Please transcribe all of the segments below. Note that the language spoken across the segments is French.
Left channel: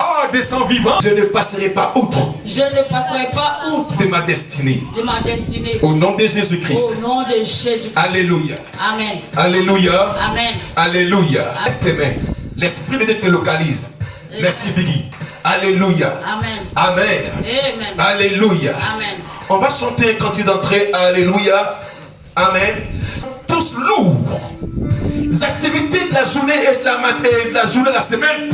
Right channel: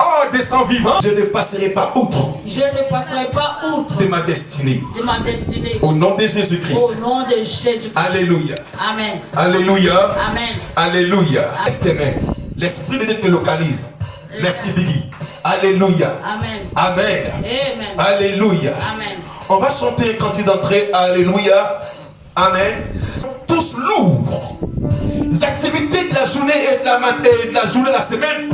Oh, descends vivant. Je ne passerai pas outre. Je ne passerai pas outre De ma destinée. de ma destinée. Au nom de Jésus-Christ. Au nom de Jésus-Christ. Alléluia. Amen. Alléluia. Amen. Alléluia. Lève tes mains. L'Esprit de Dieu te localise. Merci Biggie. Alléluia. Amen. Amen. Amen. Alléluia. Amen. On va chanter un cantique d'entrée. Alléluia. Amen. Tous lourds. Les activités de la journée et de la journée de la semaine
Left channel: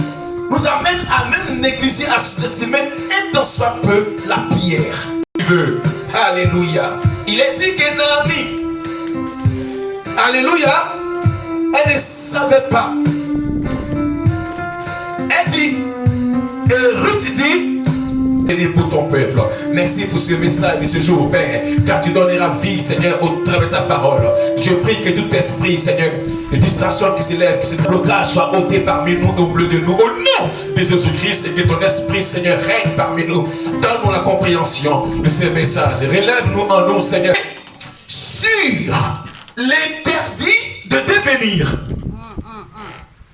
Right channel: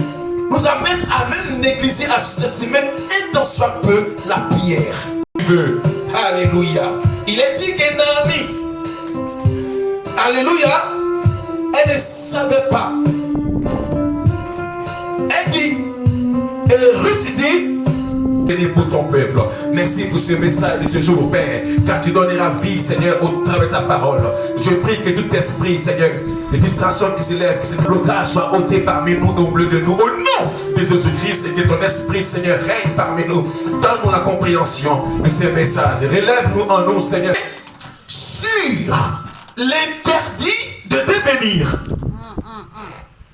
nous amènent à même négliger à cette semaine et dans soit peu la prière. Alléluia. Il est dit que Naomi, alléluia, elle ne savait pas. Elle dit, et Ruth dit, béni pour ton peuple. Merci pour ce message de ce jour, Père, car tu donneras vie, Seigneur, au travers de ta parole. Je prie que tout esprit, Seigneur, de distraction qui s'élève, que ce blocage soit ôté parmi nous, au milieu de nous, au nom de Jésus-Christ, et que ton esprit, Seigneur, règne parmi nous. Donne-nous la compréhension de ce message. Relève-nous en nous, Seigneur, sur l'interdit de devenir.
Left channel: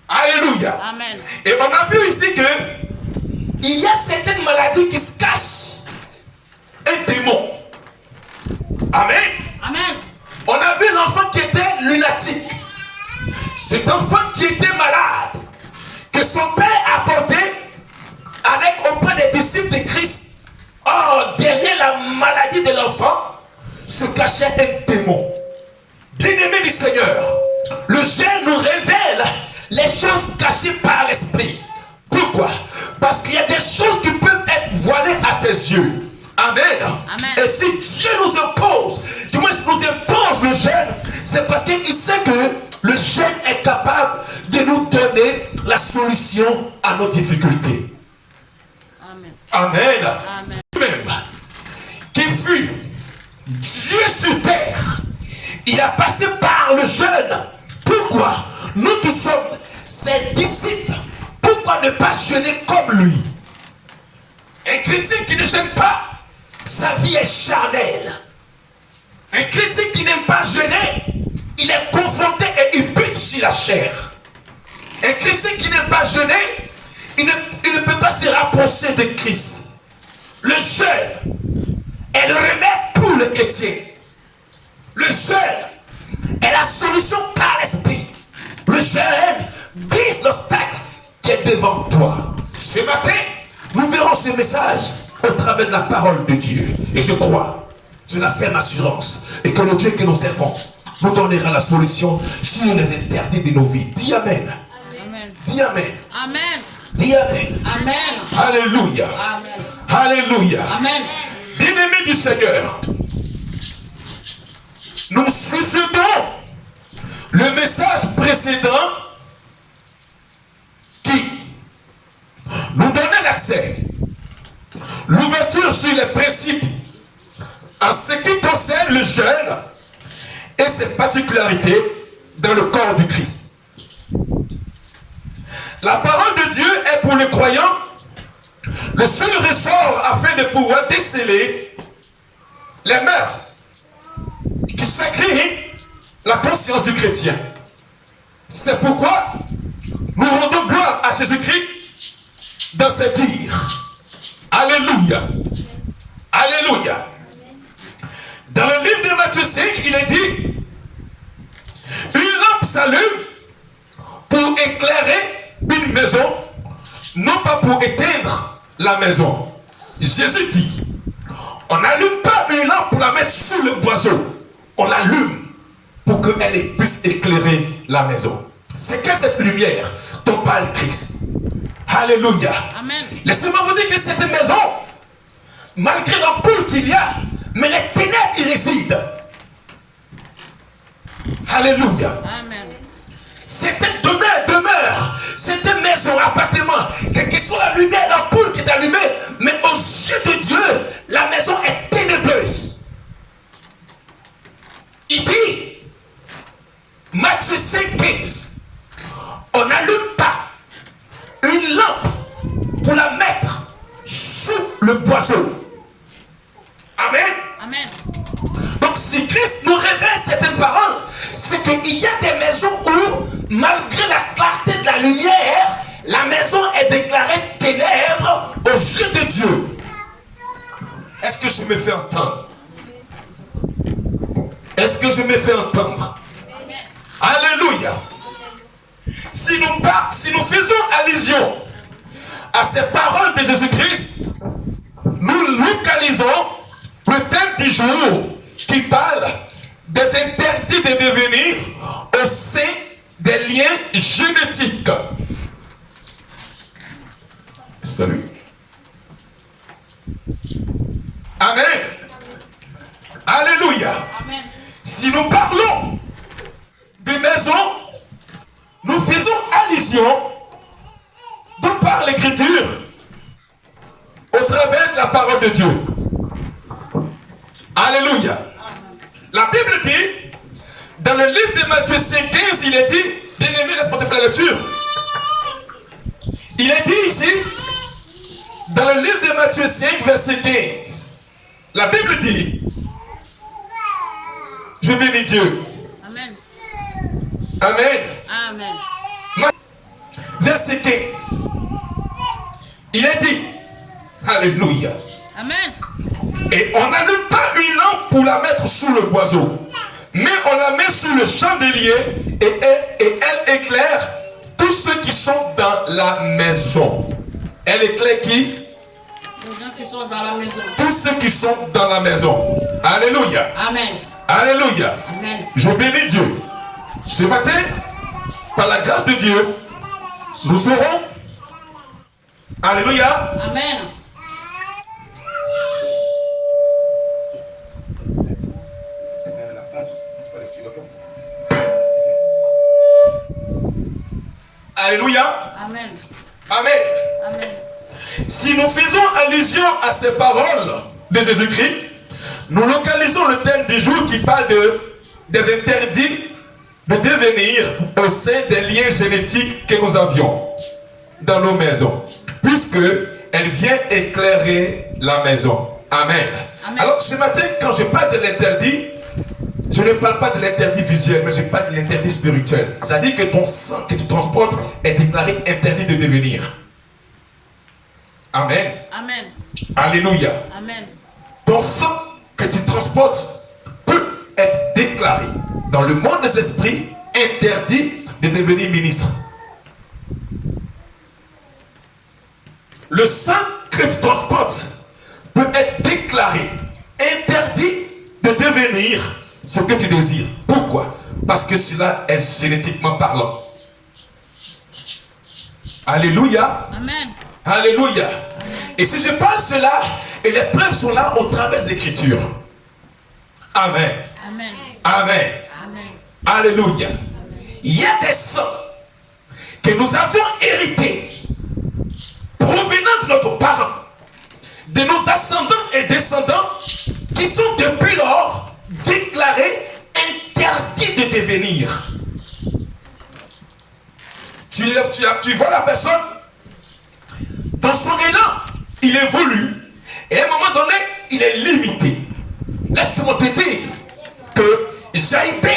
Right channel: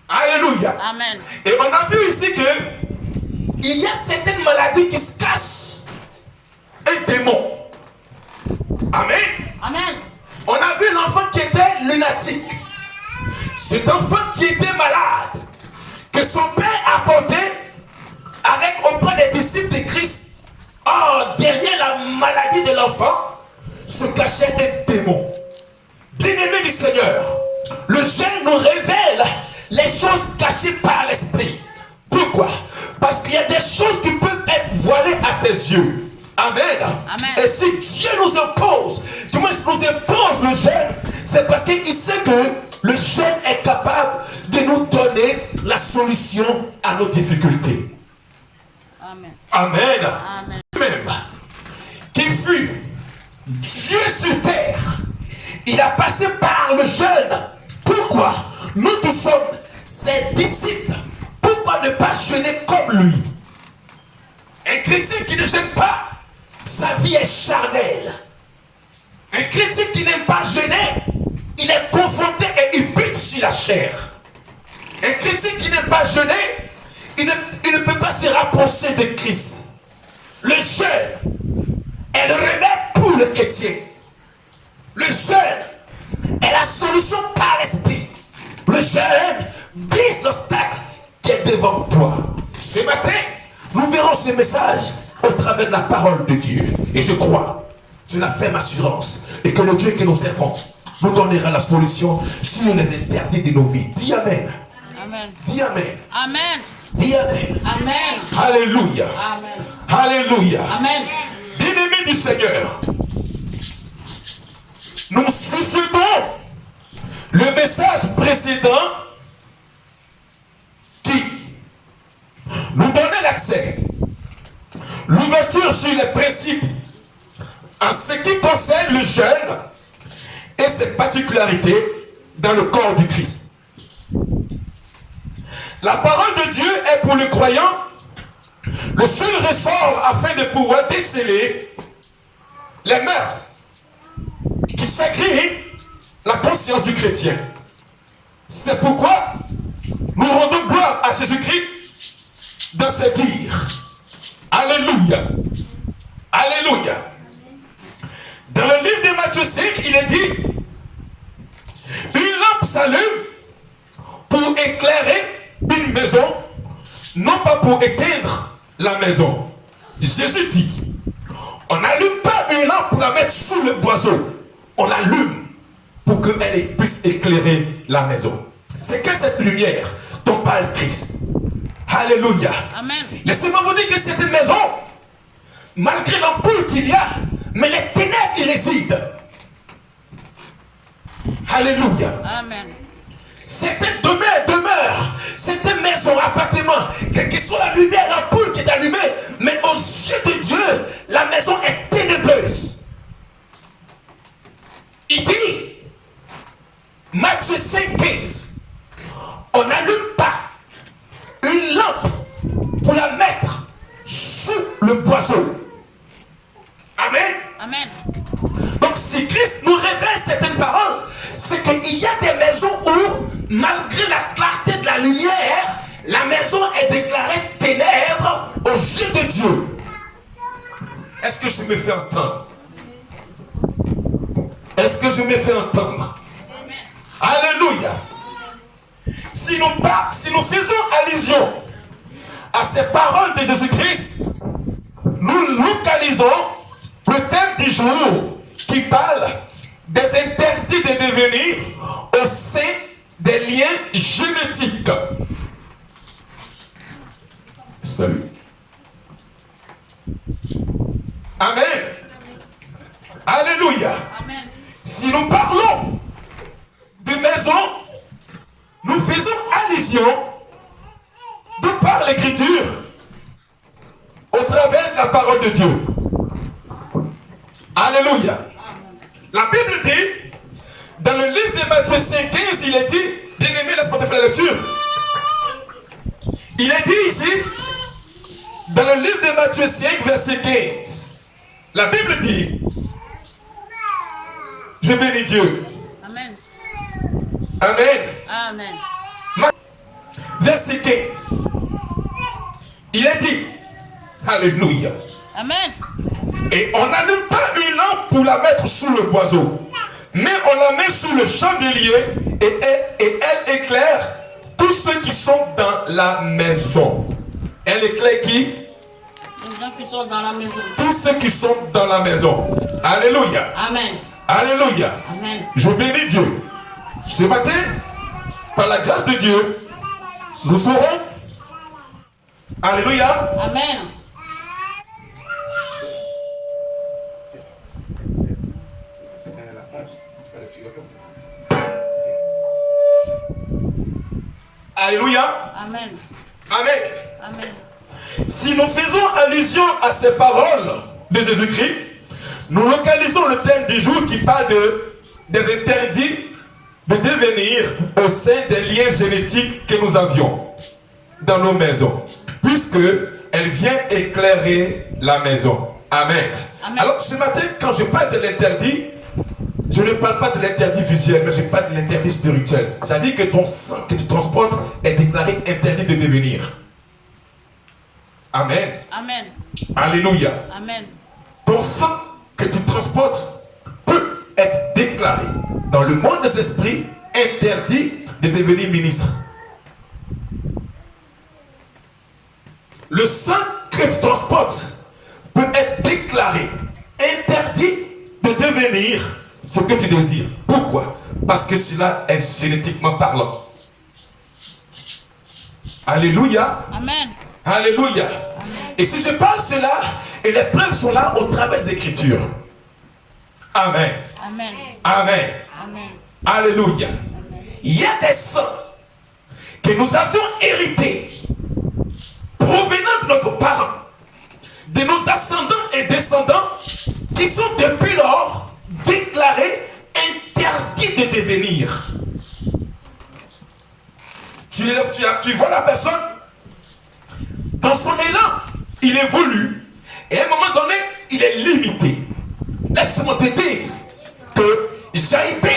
Alléluia. Amen. Et on a vu ici que il y a certaines maladies qui se cachent. Un démon. Amen. Amen. On a vu l'enfant qui était lunatique. Cet enfant qui était malade, que son père a porté avec auprès des disciples de Christ. Or, derrière la maladie de l'enfant, se cachait un démon. Bien-aimé du Seigneur, le jeûne nous révèle les choses cachées par l'esprit. Pourquoi? Parce qu'il y a des choses qui peuvent être voilées à tes yeux. Amen. Amen. Et si Dieu nous impose, du moins nous impose le jeûne, c'est parce qu'il sait que le jeûne est capable de nous donner la solution à nos difficultés. Amen. Amen. Amen. Même qui fut Dieu sur terre, il a passé par le jeûne. Pourquoi? Nous qui sommes ses disciples, pourquoi ne pas jeûner comme lui? Un chrétien qui ne jeûne pas, sa vie est charnelle. Un chrétien qui n'aime pas jeûner, il est confronté et il bute sur la chair. Un chrétien qui n'aime pas jeûner, il ne peut pas se rapprocher de Christ. Le jeûne est le remède pour le chrétien. Le jeûne est la solution par l'esprit. Le jeûne brise l'obstacle qui est devant toi. Ce matin, nous verrons ce message au travers de la parole de Dieu. Et je crois, c'est la ferme assurance, et que le Dieu que nous servons nous donnera la solution sur les interdits de nos vies. Dis Amen. Amen. Dis Amen. Amen. Dis Amen. Amen. Alléluia. Amen. Alléluia. Amen. Bien-aimés du Seigneur, nous succédons le message précédent qui nous donnait l'accès, l'ouverture sur les principes en ce qui concerne le jeûne et ses particularités dans le corps du Christ. La parole de Dieu est pour le croyant le seul ressort afin de pouvoir déceler les mœurs qui sacrifient la conscience du chrétien. C'est pourquoi nous rendons gloire à Jésus-Christ dans ses dires. Alléluia. Alléluia. Dans le livre de Matthieu 5, il est dit, une lampe s'allume pour éclairer une maison, non pas pour éteindre la maison. Jésus dit, on n'allume pas une lampe pour la mettre sous le boiseau. On l'allume pour qu'elle puisse éclairer la maison. C'est quelle cette lumière dont parle Christ? Alléluia. Amen. Laissez-moi vous dire que cette maison, malgré l'ampoule qu'il y a, mais les ténèbres y résident. Alléluia. Amen. C'était demeure, c'était maison, appartement, quelle que soit la lumière, l'ampoule qui est allumée, mais aux yeux de Dieu, la maison est ténébreuse. Il dit, Matthieu 5,15, on n'allume pas une lampe pour la mettre sous le boiseau. Amen. Amen. Donc si Christ nous révèle certaines paroles, c'est qu'il y a des maisons où, malgré la clarté de la lumière, la maison est déclarée ténèbres aux yeux de Dieu. Est-ce que je me fais entendre? Est-ce que je me fais entendre? Alléluia. Si nous faisons allusion à ces paroles de Jésus-Christ, nous localisons le thème du jour qui parle des interdits de devenir au sein des liens génétiques. Salut. Amen. Alléluia. Amen. Si nous parlons de maison, nous faisons allusion de par l'écriture au travers de la parole de Dieu. Alléluia. La Bible dit, dans le livre de Matthieu 5,15, il est dit, bien-aimé, laisse-moi te faire la lecture. Il est dit ici, dans le livre de Matthieu 5, verset 15, la Bible dit, je bénis Dieu. Amen. Amen. Amen. Verset 15. Il est dit, alléluia. Amen. Et on n'allume pas une lampe pour la mettre sous le boiseau, mais on la met sous le chandelier et elle éclaire tous ceux qui sont dans la maison. Elle éclaire qui? Les gens qui sont dans la maison. Tous ceux qui sont dans la maison. Alléluia. Amen. Alléluia. Amen. Je bénis Dieu. Ce matin, par la grâce de Dieu, nous serons. Alléluia. Amen. Alléluia. Amen. Amen. Amen. Si nous faisons allusion à ces paroles de Jésus-Christ, nous localisons le thème du jour qui parle des interdits de devenir au sein des liens génétiques que nous avions dans nos maisons, puisque elle vient éclairer la maison. Amen. Amen. Alors ce matin, quand je parle de l'interdit, je ne parle pas de l'interdit visuel, mais je parle de l'interdit spirituel. C'est-à-dire que ton sang que tu transportes est déclaré interdit de devenir. Amen. Amen. Alléluia. Amen. Ton sang que tu transportes peut être déclaré dans le monde des esprits interdit de devenir ministre. Le sang que tu transportes peut être déclaré interdit de devenir ce que tu désires. Pourquoi? Parce que cela est génétiquement parlant. Alléluia. Amen. Alléluia. Et si je parle cela, et les preuves sont là au travers des Écritures. Amen. Amen. Amen. Amen. Alléluia. Il y a des sangs que nous avions hérités provenant de nos parents, de nos ascendants et descendants, qui sont depuis lors déclarés interdits de devenir. Tu vois la personne, dans son élan, il évolue, et à un moment donné, il est limité. Laisse-moi te dire que Jaïbé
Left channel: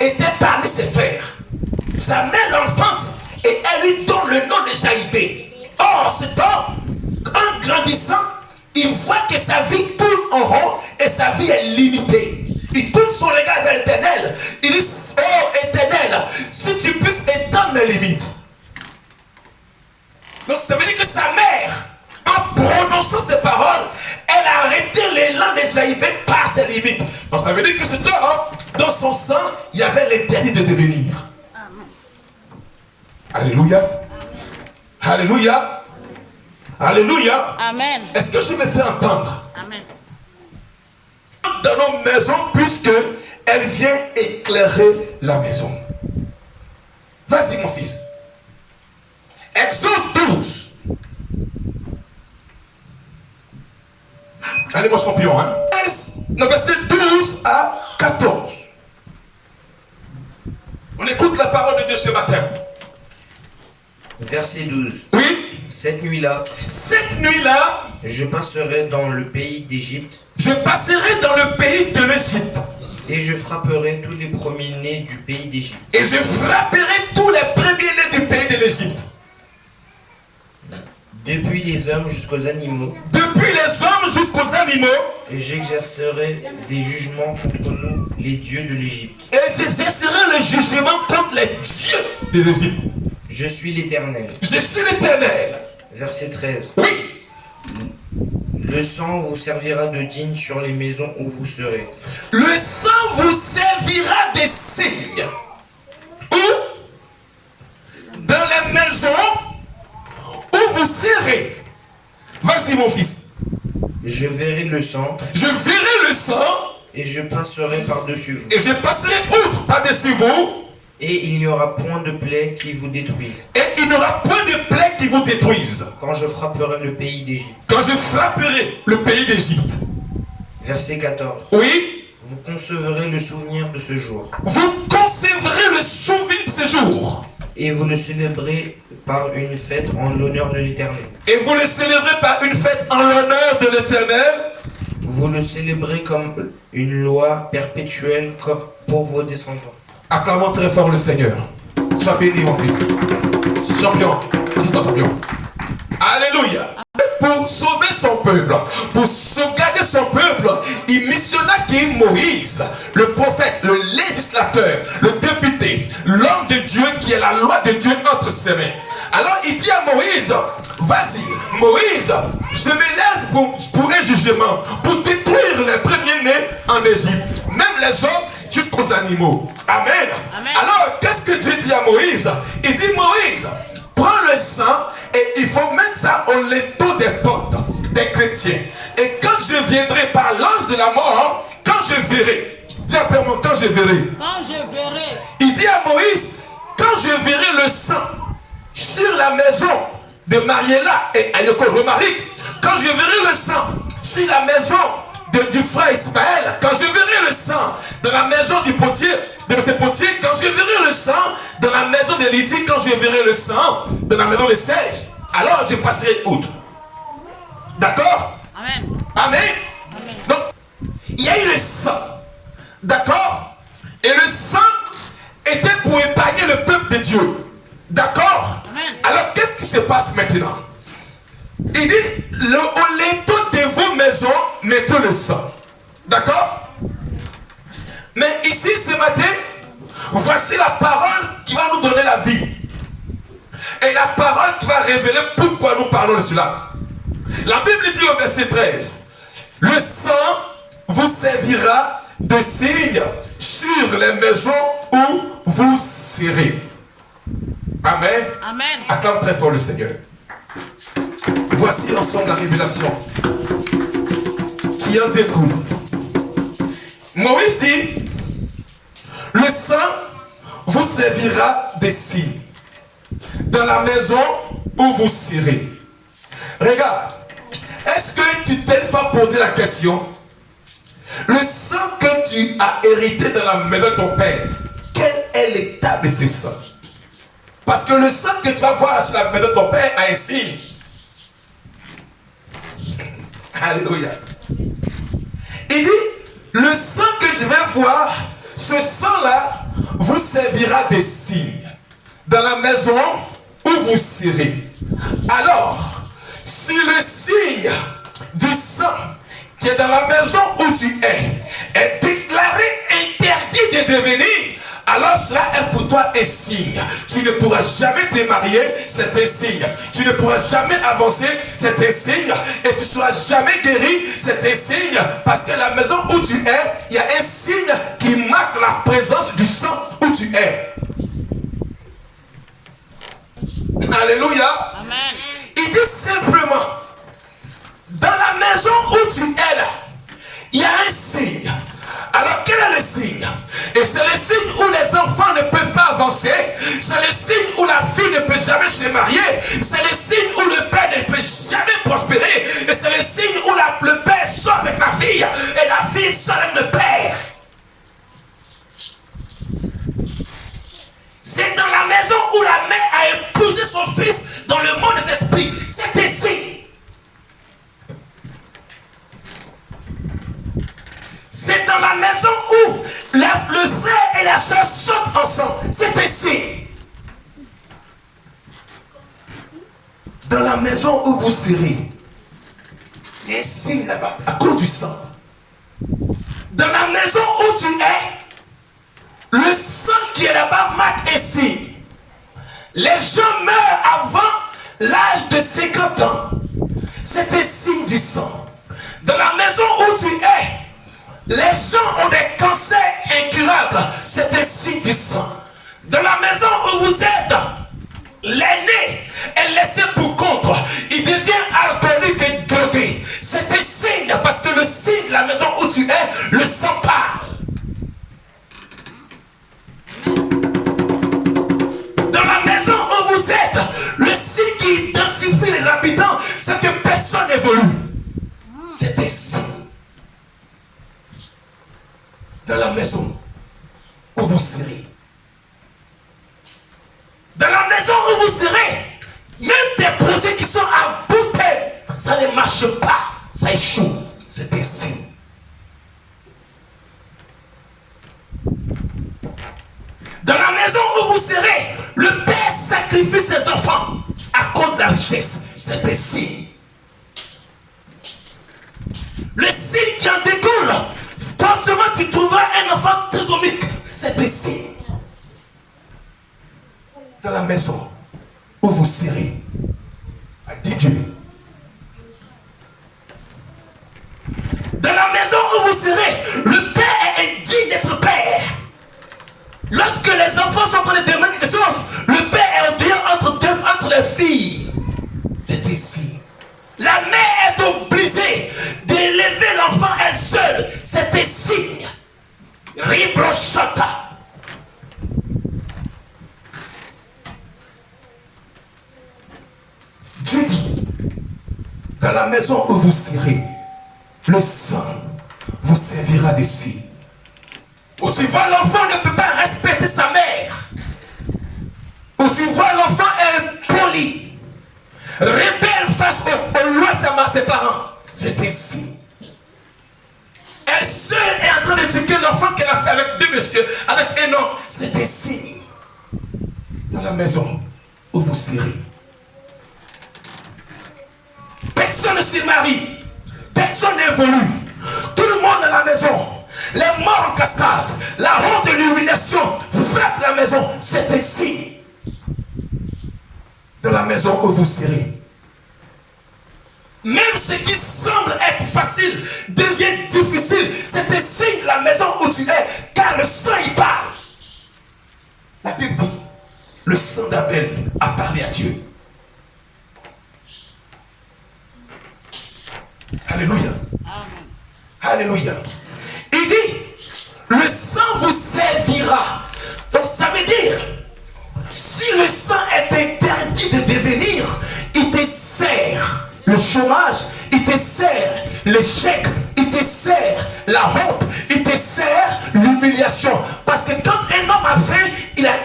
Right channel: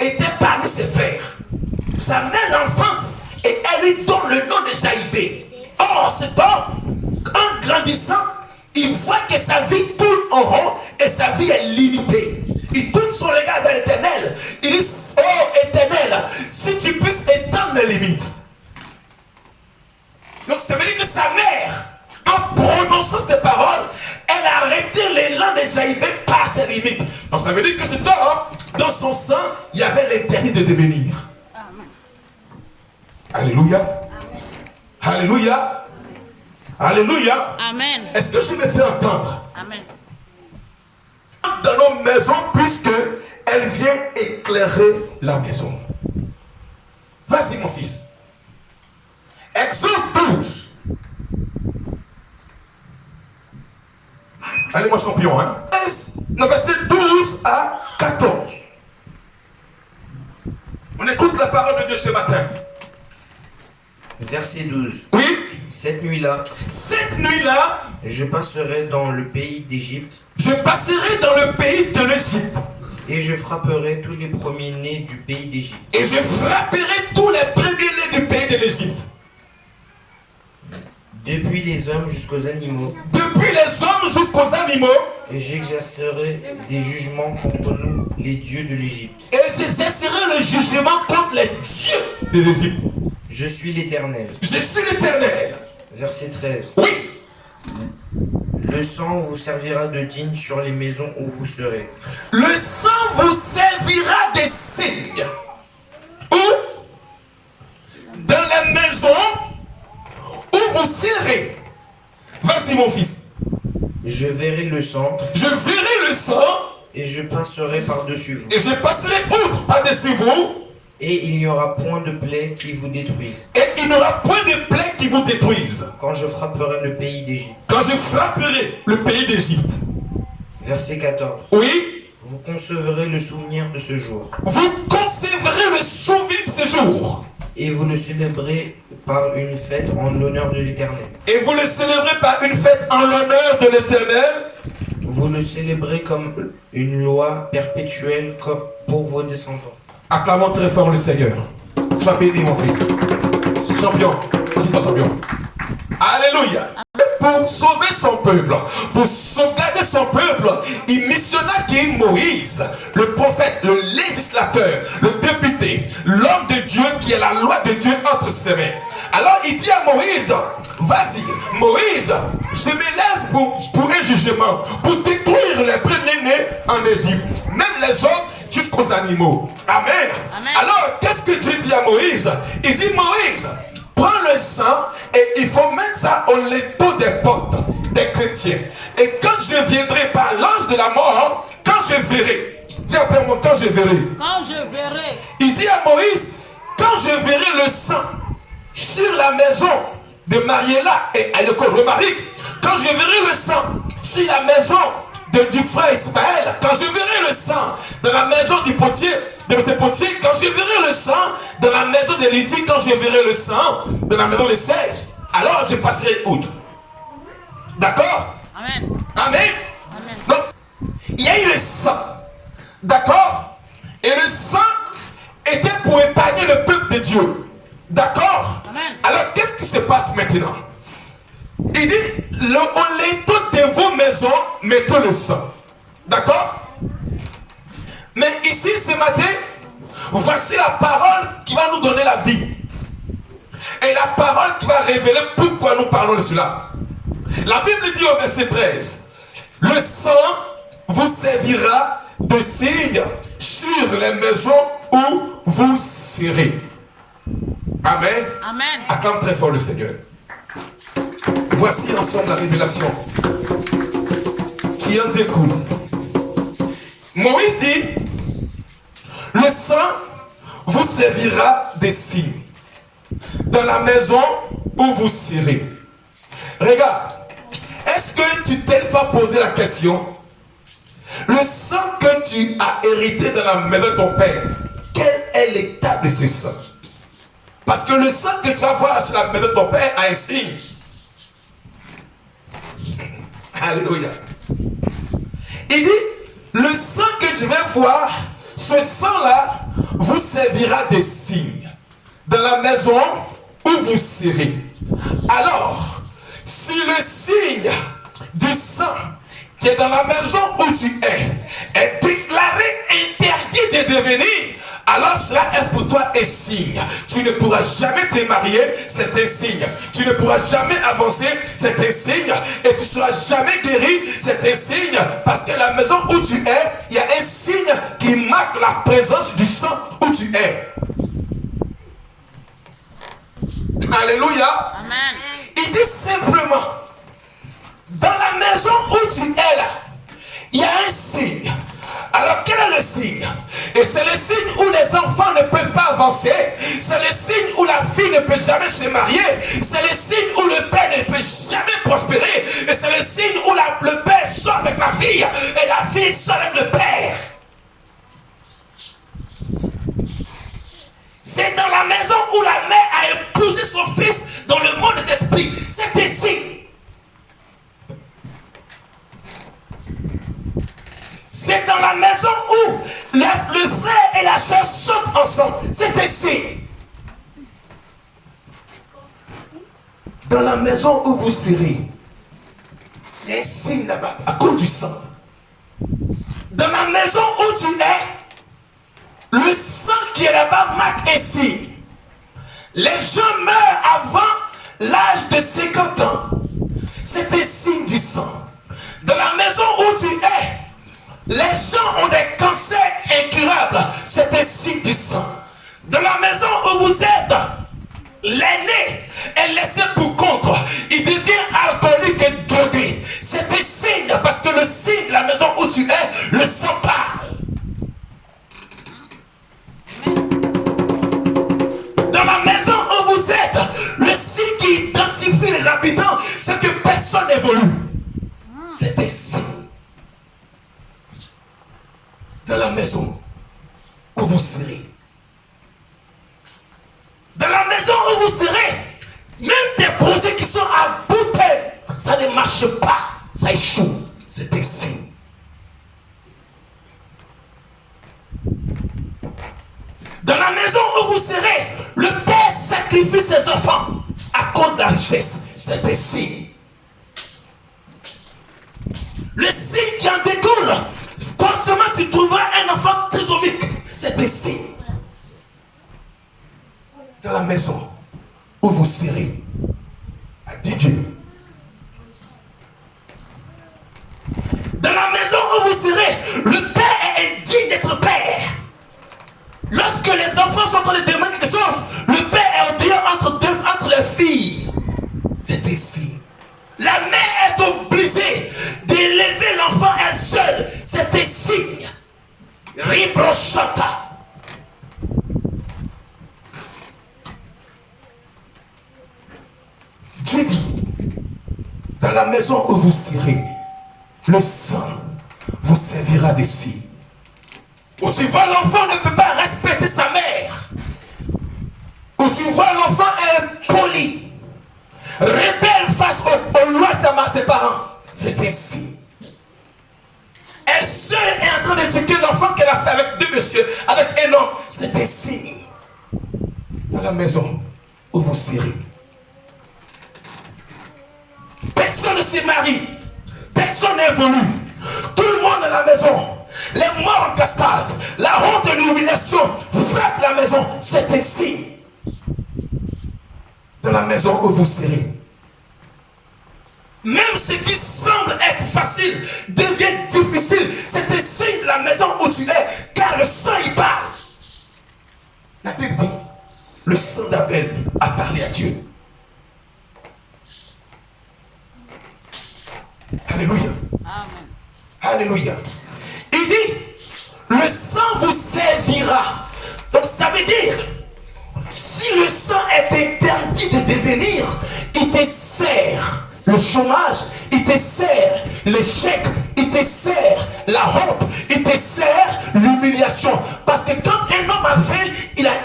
était parmi ses frères. Sa mère l'enfante et elle lui donne le nom de Jaïbé. Or, cet homme, en grandissant, il voit que sa vie tourne en rond et sa vie est limitée. Il tourne son regard vers l'Éternel. Il dit, oh Éternel, si tu puisses étendre mes limites. Donc ça veut dire que sa mère, en prononçant ces paroles, elle a arrêté l'élan de Jaïbé par ses limites. Donc ça veut dire que cet homme, dans son sang, il y avait l'interdit de devenir. Amen. Alléluia. Alléluia. Alléluia. Amen. Est-ce que je me fais entendre? Amen. Dans nos maisons, puisque elle vient éclairer la maison. Vas-y mon fils. Exode 12. Allez mon champion, hein. Le verset 12 à 14. On écoute la parole de Dieu ce matin. Verset 12. Oui. Cette nuit-là, je passerai dans le pays d'Égypte, je passerai dans le pays de l'Égypte. et je frapperai tous les premiers-nés du pays d'Égypte. Et je frapperai tous les premiers-nés du pays de l'Égypte. depuis les hommes jusqu'aux animaux, depuis les hommes jusqu'aux animaux, et j'exercerai des jugements contre nous, les dieux de l'Égypte. et j'exercerai le jugement contre les dieux de l'Égypte. Je suis l'Éternel. Je suis l'Éternel. Verset 13. Oui. Le sang vous servira de digne sur les maisons où vous serez. Le sang vous servira de signe. Où? Dans la maison où vous serez. Vas-y mon fils. Je verrai le sang Je verrai le sang et je passerai par-dessus vous. et je passerai outre par-dessus vous. Et il n'y aura point de plaie qui vous détruise. Et il n'y aura point de plaie qui vous détruise. Quand je frapperai le pays d'Égypte. Quand je frapperai le pays d'Égypte. Verset 14. Oui. Vous concevrez le souvenir de ce jour. Vous conserverez le souvenir de ce jour. Et vous le célébrez par une fête en l'honneur de l'Éternel. Et vous le célébrez par une fête en l'honneur de l'Éternel. Vous le célébrez comme une loi perpétuelle comme pour vos descendants. Acclamons très fort le Seigneur. Sois béni mon fils. Champion. Dis-moi champion. Alléluia. Pour sauver son peuple, pour sauvegarder son peuple, il missionna qui est Moïse, le prophète, le législateur, le député, l'homme de Dieu qui a la loi de Dieu entre ses mains. Alors il dit à Moïse, vas-y, Moïse, je m'élève pour un jugement, pour détruire les premiers-nés en Égypte, même les hommes jusqu'aux animaux. Amen. Amen. Alors, qu'est-ce que Dieu dit à Moïse? Il dit, Moïse, prends le sang et il faut mettre ça au linteau des portes des chrétiens. Et quand je viendrai par l'ange de la mort, quand je verrai, dis après moi, quand je verrai. Quand je verrai. Il dit à Moïse, quand je verrai le sang sur la maison de Mariella et Ayoko Romaric, quand je verrai le sang sur la maison du frère Ismaël, quand je verrai le sang dans la maison du potier, de ce potier, quand je verrai le sang dans la maison de Lydie, quand je verrai le sang dans la maison de Serge, alors je passerai outre. D'accord? Amen. Amen. Amen. Donc, il y a eu le sang. D'accord? Et le sang était pour épargner le peuple de Dieu. D'accord? Amen. Alors, qu'est-ce qui se passe maintenant? Il dit, au linteau de vos maisons, mettez le sang. D'accord? Mais ici, ce matin, voici la parole qui va nous donner la vie. Et la parole qui va révéler pourquoi nous parlons de cela. La Bible dit au verset 13, le sang vous servira de signe sur les maisons où vous serez. Amen. Amen. Acclame très fort le Seigneur. Voici ensemble la révélation qui en découle. Moïse dit, le sang vous servira de signe dans la maison où vous serez. Regarde, est-ce que tu t'es fois posé la question, le sang que tu as hérité dans la maison de ton père, quel est l'état de ce sang? Parce que le sang que tu vas voir sur la maison de ton père a un signe. Alléluia. Il dit, le sang que je vais voir, ce sang-là vous servira de signe dans la maison où vous serez. Alors, si le signe du sang qui est dans la maison où tu est déclaré interdit de devenir, alors cela est pour toi un signe. Tu ne pourras jamais te marier, c'est un signe. Tu ne pourras jamais avancer, c'est un signe. Et tu ne seras jamais guéri, c'est un signe. Parce que la maison où tu es, il y a un signe qui marque la présence du sang où tu es. Alléluia. Amen. Il dit simplement, dans la maison où tu es là, il y a un signe. Alors quel est le signe? Et c'est le signe où les enfants ne peuvent pas avancer. C'est le signe où la fille ne peut jamais se marier. C'est le signe où le père ne peut jamais prospérer. Et c'est le signe où le père sort avec la fille et la fille sort avec le père. C'est dans la maison où la mère a épousé son fils dans le monde des esprits. C'est un signe. C'est dans la maison où le frère et la soeur sautent ensemble. C'est un signe. Dans la maison où vous serez, il y a un signe là-bas, à cause du sang. Dans la maison où tu es, le sang qui est là-bas marque un signe. Les gens meurent avant l'âge de 50 ans. C'est un signe du sang. Dans la maison où tu es, les gens ont des cancers incurables. C'est un signe du sang. Dans la maison où vous êtes, l'aîné est laissé pour contre. Il devient alcoolique et drogué. C'est un signe parce que le signe de la maison où tu es, le sang parle. Dans la maison où vous êtes, le signe qui identifie les habitants, c'est que personne n'évolue. C'est un signe. Dans la maison où vous serez. Dans la maison où vous serez, même des projets qui sont à bout de terme, ça ne marche pas, ça échoue. C'est un signe. Dans la maison où vous serez, le père sacrifie ses enfants à cause de la richesse. C'est un signe. Le signe qui en découle, forcément tu trouveras un enfant trisomique. C'est un signe. Dans la maison où vous serez, a dit Dieu. Dans la maison où vous serez, le père est indigne d'être père. Lorsque les enfants sont en train de demander quelque chose, le père est au dehors entre les filles. C'est ici. La mère est obligée d'élever l'enfant elle seule. C'est un signe. Ribrochata. Dieu dit, dans la maison où vous serez, le sang vous servira de signe. Où tu vois l'enfant ne peut pas respecter sa mère. Où tu vois l'enfant impoli, rebelle face aux lois de ses parents. C'est ainsi. Elle seule est en train d'éduquer l'enfant qu'elle a fait avec deux messieurs, avec un homme. C'est ainsi. Dans la maison où vous serez. Personne ne se marie. Personne n'évolue. Tout le monde à la maison. Les morts en cascade. La honte et l'humiliation frappent la maison. C'est ainsi. Dans la maison où vous serez. Même ce qui semble être facile devient difficile. C'est un signe de la maison où tu es, car le sang y parle. La Bible dit, le sang d'Abel a parlé à Dieu. Alléluia. Amen. Alléluia. Il dit, le sang vous servira. Donc ça veut dire, si le sang est interdit de devenir, il te sert le chômage, il te sert l'échec, il te sert la honte, il te sert l'humiliation. Parce que quand un homme a faim, il a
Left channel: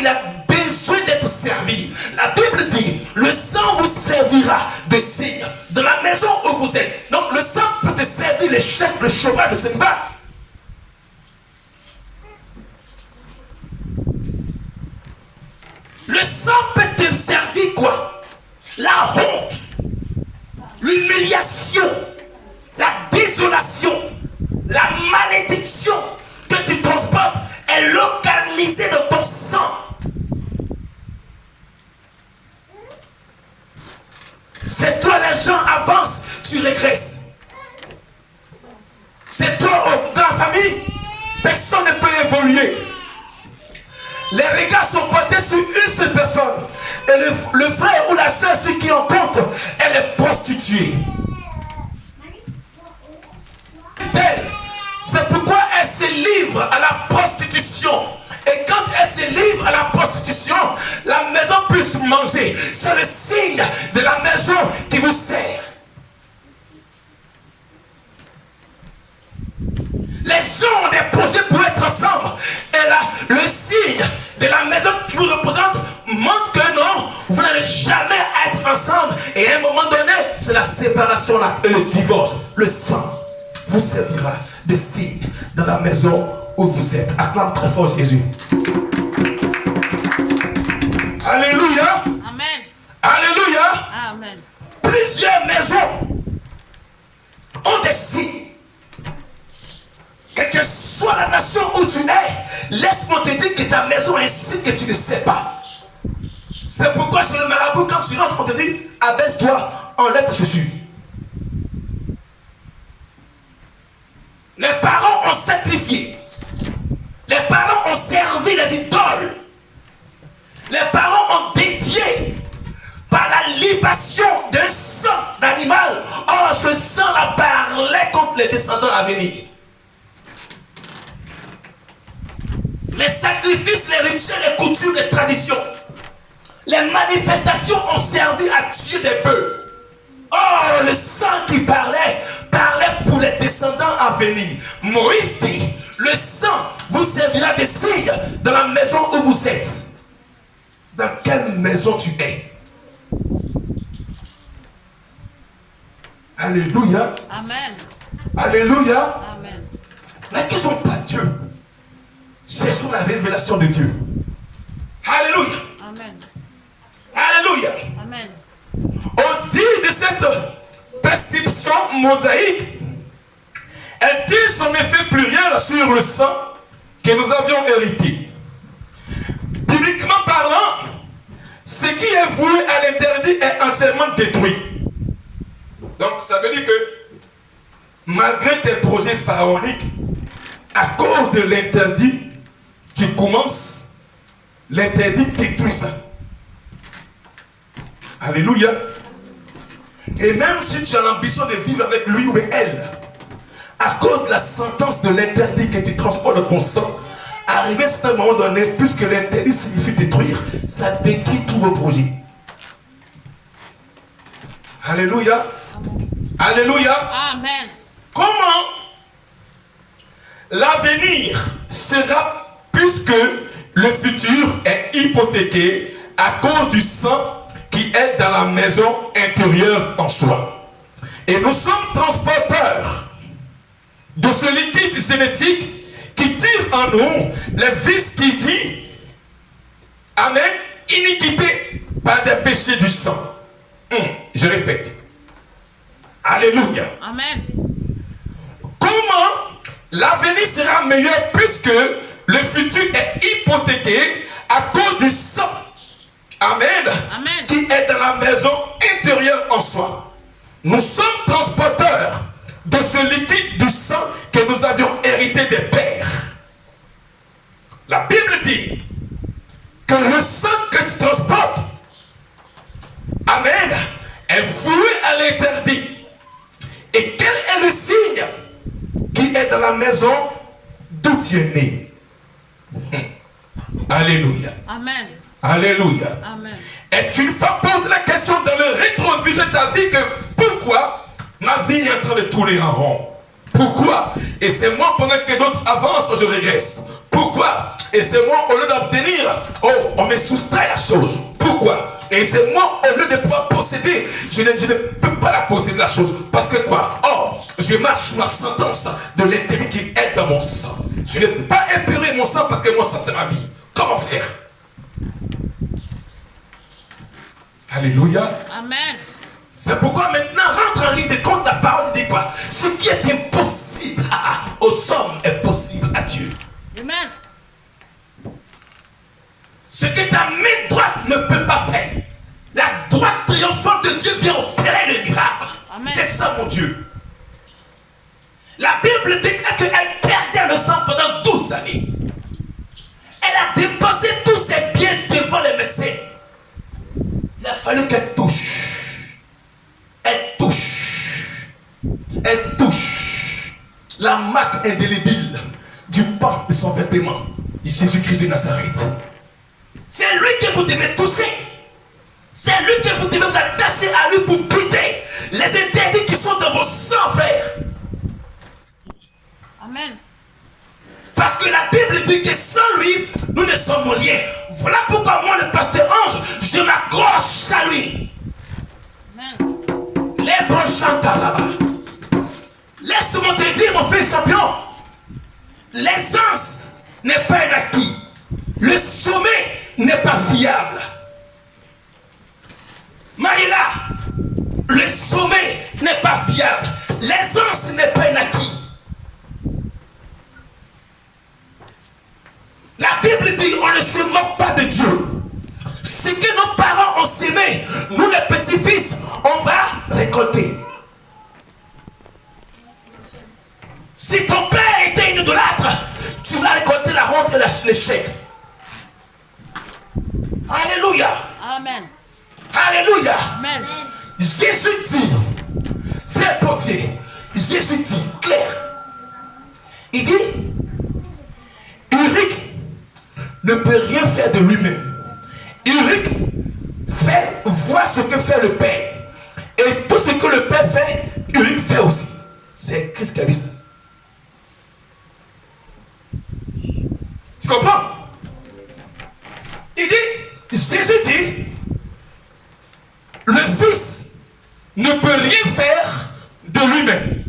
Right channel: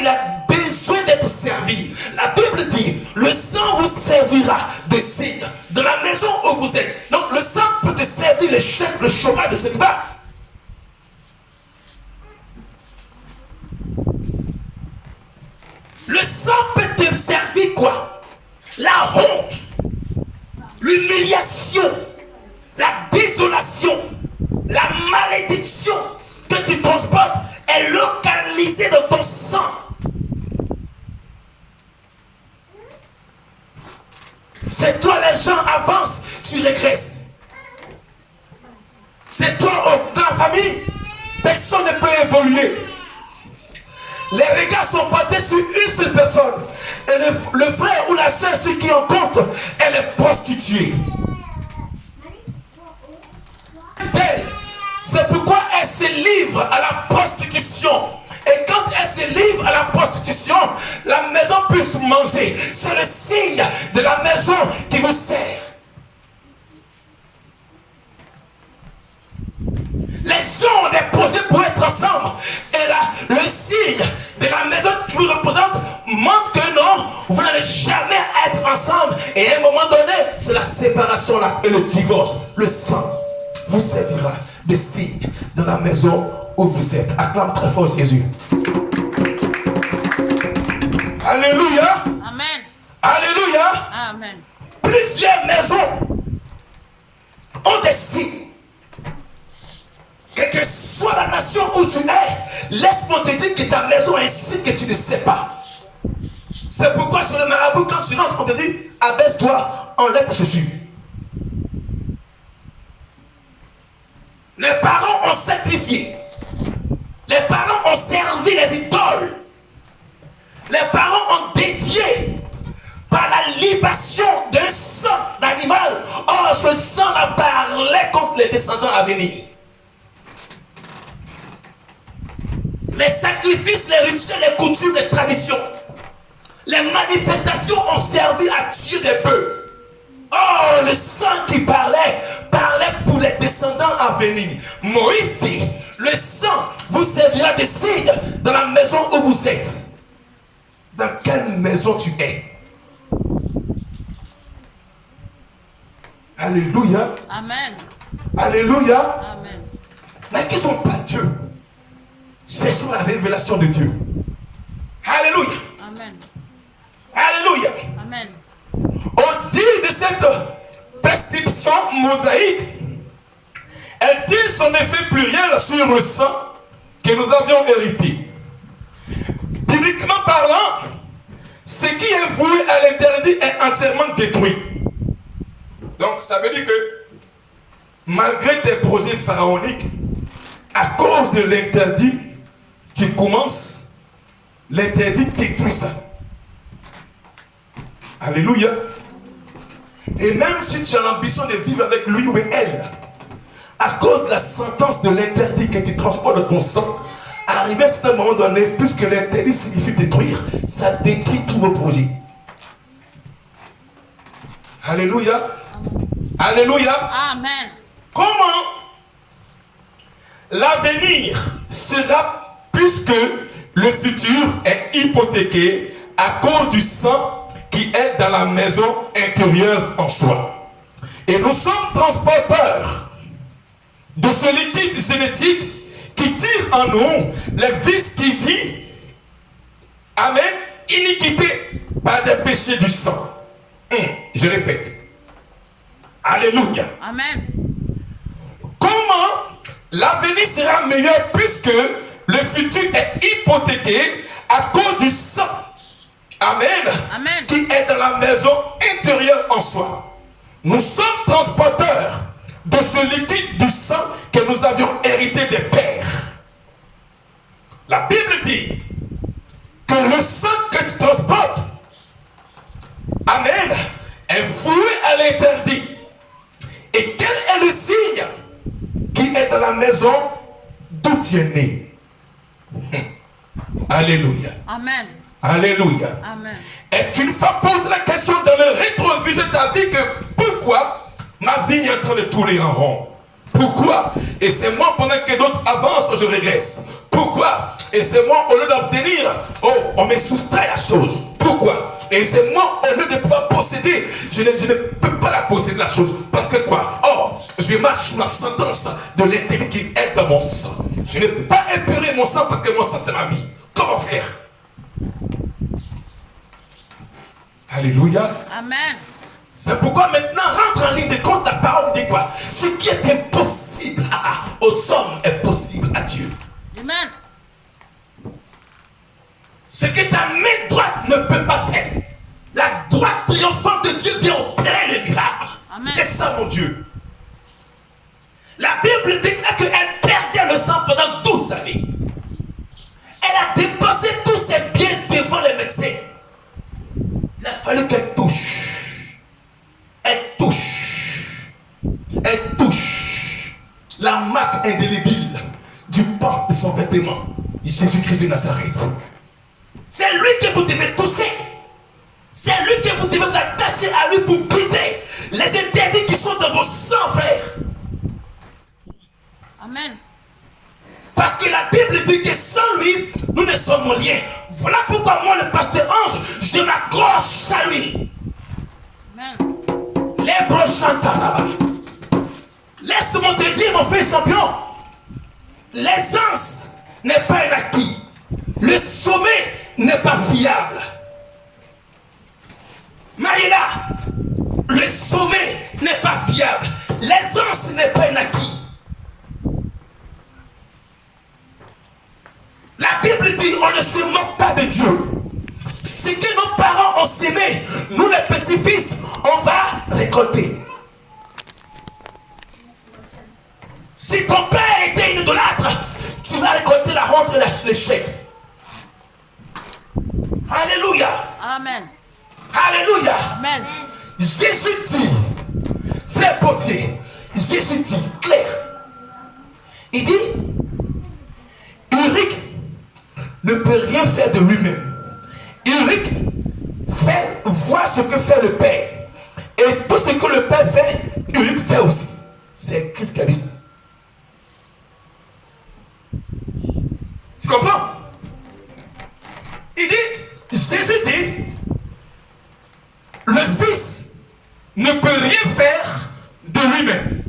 besoin d'être servi. La Bible dit, le sang vous servira de signe dans la maison où vous êtes. Donc le sang peut te servir l'échec, le chômage, le célibat. Le sang peut te servir quoi? La honte, l'humiliation, la désolation, la malédiction que tu transportes est localisée dans ton sang. C'est toi, les gens avancent, tu régresses. C'est toi, dans la famille, personne ne peut évoluer. Les regards sont portés sur une seule personne. Et le frère ou la soeur, ce qui en compte, elle est prostituée. C'est pourquoi elle se livre à la prostitution. Et quand elle se livre à la prostitution, la maison puisse manger. C'est le signe de la maison qui vous sert. Les gens ont des projets pour être ensemble. Et là, le signe de la maison qui vous représente montre que non, vous n'allez jamais être ensemble. Et à un moment donné, c'est la séparation là, et le divorce. Le sang vous servira de signe dans la maison où vous êtes. Acclame très fort Jésus. Alléluia. Amen. Alléluia. Amen. plusieurs maisons ont des signes. Quelle que soit la nation où tu es, laisse-moi te dire que ta maison a un signe que tu ne sais pas. C'est pourquoi sur le marabout, quand tu rentres, on te dit, abaisse-toi, enlève tes chaussures. Les parents ont sacrifié. Les parents ont servi les idoles. Les parents ont dédié par la libation d'un sang d'animal. Or, ce sang-là parlait contre les descendants à venir. Les sacrifices, les rituels, les coutumes, les traditions, les manifestations ont servi à tuer des bœufs. Oh, le sang qui parlait pour les descendants à venir. Moïse dit, le sang vous servira de signe dans la maison où vous êtes. Dans quelle maison tu es? Alléluia. Amen. Alléluia. Amen. Mais qui sont pas Dieu? Cherchons la révélation de Dieu. Alléluia. Amen. Alléluia. Amen. Au dit de cette prescription mosaïque, elle dit son effet pluriel sur le sang que nous avions hérité. Bibliquement parlant, ce qui est voué à l'interdit est entièrement détruit. Donc ça veut dire que malgré tes projets pharaoniques, à cause de l'interdit qui commence, l'interdit détruit ça. Alléluia. Et même si tu as l'ambition de vivre avec lui ou elle, à cause de la sentence de l'interdit que tu transportes dans ton sang, arrivé à un certain moment donné, puisque l'interdit signifie détruire, ça détruit tous vos projets. Alléluia. Amen. Alléluia. Amen. Comment l'avenir sera, puisque le futur est hypothéqué à cause du sang qui est dans la maison intérieure en soi. Et nous sommes transporteurs de ce liquide génétique qui tire en nous les vices qui dit, amen, iniquité par des péchés du sang. Je répète. Alléluia. Amen. Comment l'avenir sera meilleur puisque le futur est hypothéqué à cause du sang? Amen. Amen. Qui est dans la maison intérieure en soi. Nous sommes transporteurs de ce liquide du sang que nous avions hérité des pères. La Bible dit que le sang que tu transportes, amen, est voué à l'interdit. Et quel est le signe qui est dans la maison d'où tu es né? Alléluia. Amen. Alléluia. Amen. Et une fois posé la question dans le rétroviseur de ta vie que pourquoi ma vie est en train de tourner en rond? Pourquoi? Et c'est moi pendant que d'autres avancent, je régresse. Pourquoi? Et c'est moi au lieu d'obtenir, oh, on me soustrait la chose. Pourquoi? Et c'est moi au lieu de pouvoir posséder, je ne peux pas la posséder la chose. Parce que quoi? Oh, je marche sous la sentence de l'intérêt qui est dans mon sang. Je ne peux pas épurer mon sang parce que mon sang c'est ma vie. Comment faire? Alléluia. Amen. C'est pourquoi maintenant rentre en ligne de compte, la parole dit quoi? Ce qui est impossible aux hommes est possible à Dieu. Amen. Ce que ta main droite ne peut pas faire, la droite triomphante de Dieu vient opérer le miracle. Amen. C'est ça mon Dieu. La Bible déclare qu'elle perdait le sang pendant 12 années. Elle a dépensé tous ses biens devant les médecins. Il a fallu qu'elle touche. Elle touche. Elle touche la marque indélébile du pan de son vêtement. Jésus-Christ de Nazareth. C'est lui que vous devez toucher. C'est lui que vous devez vous attacher à lui pour briser les interdits qui sont dans vos sangs, frères. Amen. Parce que la Bible dit que sans lui, nous ne sommes liés. Voilà pourquoi moi, le pasteur Ange, je m'accroche à lui. Amen. Les brochants là-bas. Laisse-moi te dire, mon frère champion, l'aisance n'est pas un acquis. Le sommet n'est pas fiable. Maïla, le sommet n'est pas fiable. L'aisance n'est pas un acquis. La Bible dit on ne se moque pas de Dieu. Ce que nos parents ont sémé, nous les petits-fils, on va récolter. Si ton père était une idolâtre, tu vas récolter la honte et l'échec. Alléluia. Amen. Alléluia. Amen. Jésus dit, frère Potier, Jésus dit clair. Il dit, Ulrich ne peut rien faire de lui-même. Ulrich voit ce que fait le Père. Et tout ce que le Père fait, Ulrich fait aussi. C'est Christ qui a dit ça. Tu comprends? Il dit, Jésus dit, le Fils ne peut rien faire de lui-même.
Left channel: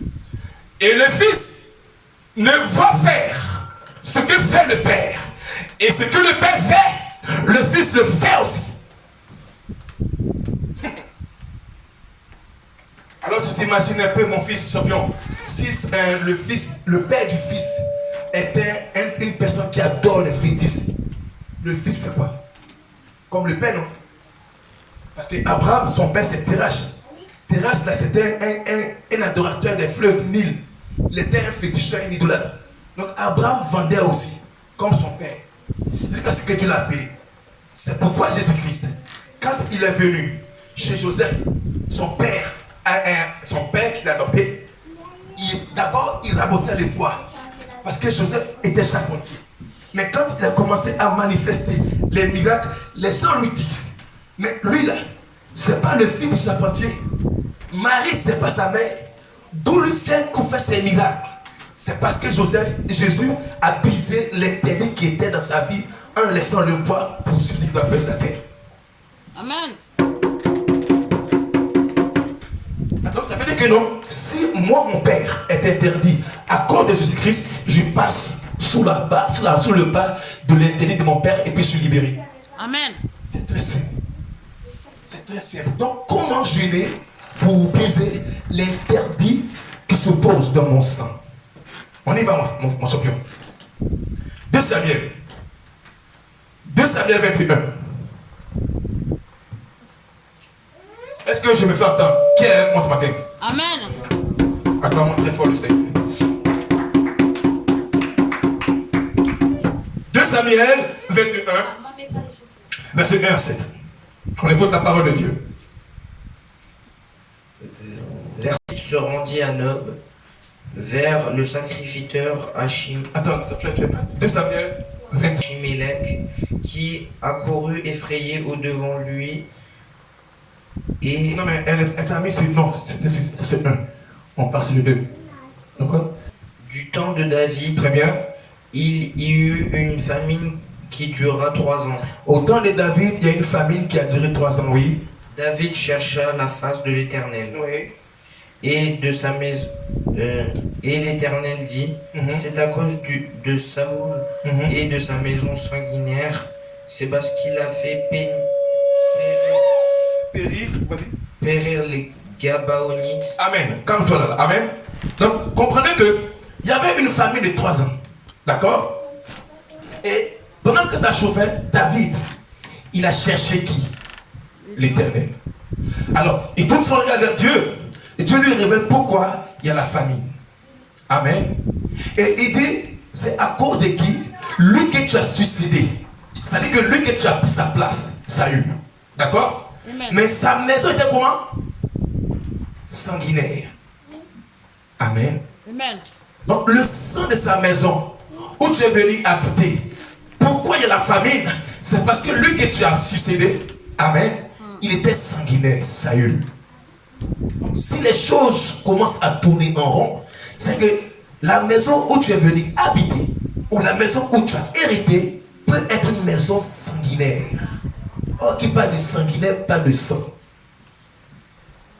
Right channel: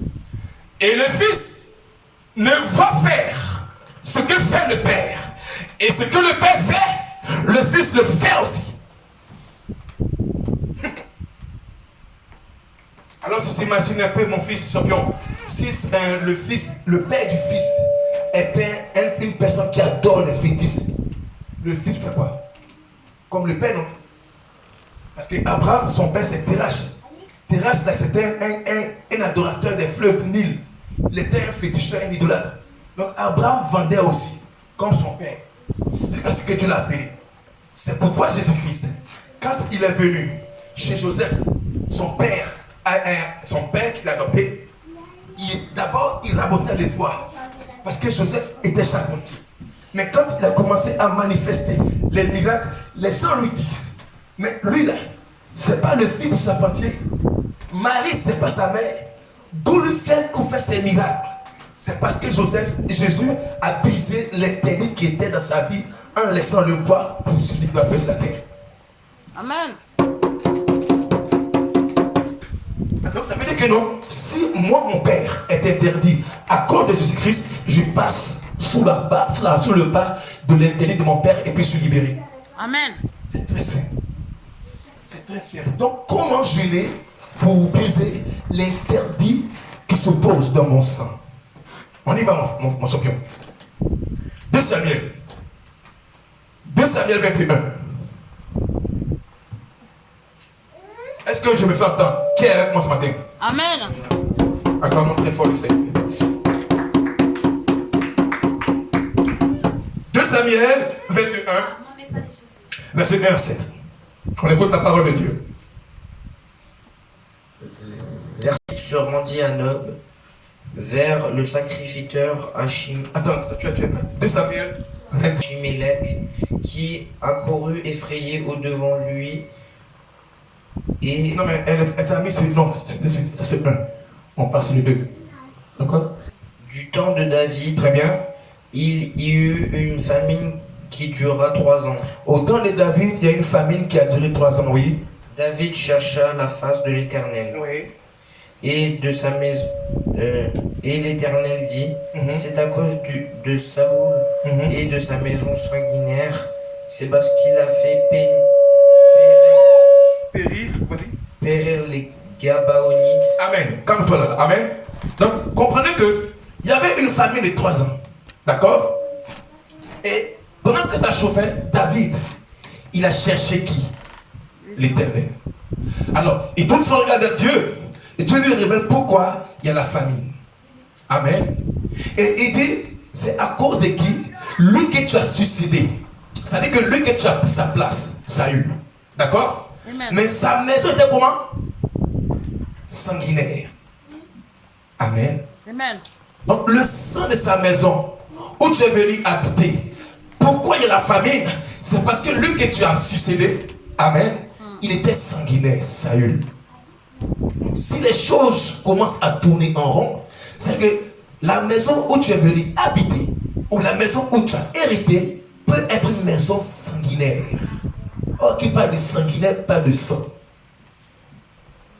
Et le Fils ne voit faire ce que fait le Père. Et ce que le Père fait, le Fils le fait aussi. Alors tu t'imagines un peu mon fils champion. Si le Père du Fils était une personne qui adore les fétiches, le Fils fait quoi? Comme le Père, non? Parce qu'Abraham, son père, c'est Terach. Terach, c'était un adorateur des fleuves du Nil. Il était un féticheur, un idolâtre. Donc Abraham vendait aussi, comme son père. C'est ce que Dieu l'a appelé. C'est pourquoi Jésus-Christ, quand il est venu chez Joseph, son père qui l'a adopté, d'abord il rabotait les bois. Parce que Joseph était charpentier. Mais quand il a commencé à manifester les miracles, les gens lui disent, mais lui là, c'est pas le fils du charpentier. Marie, c'est pas sa mère. D'où lui fait qu'on fait ces miracles? C'est parce que Jésus a brisé l'interdit qui était dans sa vie en laissant le bois pour ce qu'il doit faire sur la terre. Amen. Donc ça veut dire que non, si moi mon père est interdit à cause de Jésus-Christ, je passe sous le pas de l'interdit de mon père et puis je suis libéré. Amen. C'est très simple. C'est très simple. Donc comment je l'ai pour briser l'interdit qui se pose dans mon sang? On y va mon champion. 2 Samuel 21. Est-ce que je me fais entendre? Qui est avec moi ce matin? Amen. Attends, très fort le Seigneur. 2 Samuel 21, verset 1 à 7. On écoute la parole de Dieu. Verset se rendit à Nob, vers le sacrificateur Attends, tu as pas 2 Samuel 21. Achimélec, qui accourut effrayé au-devant lui. Et Non, mais elle t'a mis sur non, ça c'est 1. On passe sur le 2. D'accord? du temps de David, Très bien. il y eut une famine qui dura 3 ans. Au temps de David, il y a une famine qui a duré 3 ans, oui. David chercha la face de l'Éternel. Oui. Et de sa maison, et l'Éternel dit, c'est à cause de Saoul et de sa maison sanguinaire, c'est parce qu'il a fait périr les Gabaonites. Amen. Calme-toi là. Amen. Donc, comprenez que il y avait une famine de 3 ans. D'accord? Et pendant que ça chauffait, David, il a cherché qui? L'Éternel. Alors, il tourne son regard vers Dieu. Et Dieu lui révèle pourquoi il y a la famine. Amen. Et il dit, c'est à cause de qui? Lui que tu as suicidé. C'est-à-dire que lui que tu as pris sa place, Saül. D'accord? Amen. Mais sa maison était comment? Sanguinaire. Amen. Amen. Donc le sang de sa maison, où tu es venu habiter, pourquoi il y a la famine? C'est parce que lui que tu as succédé, amen, il était sanguinaire, Saül. Si les choses commencent à tourner en rond, c'est que la maison où tu es venu habiter, ou la maison où tu as hérité, peut être une maison sanguinaire. Or, qui parle de sanguinaire, parle de sang.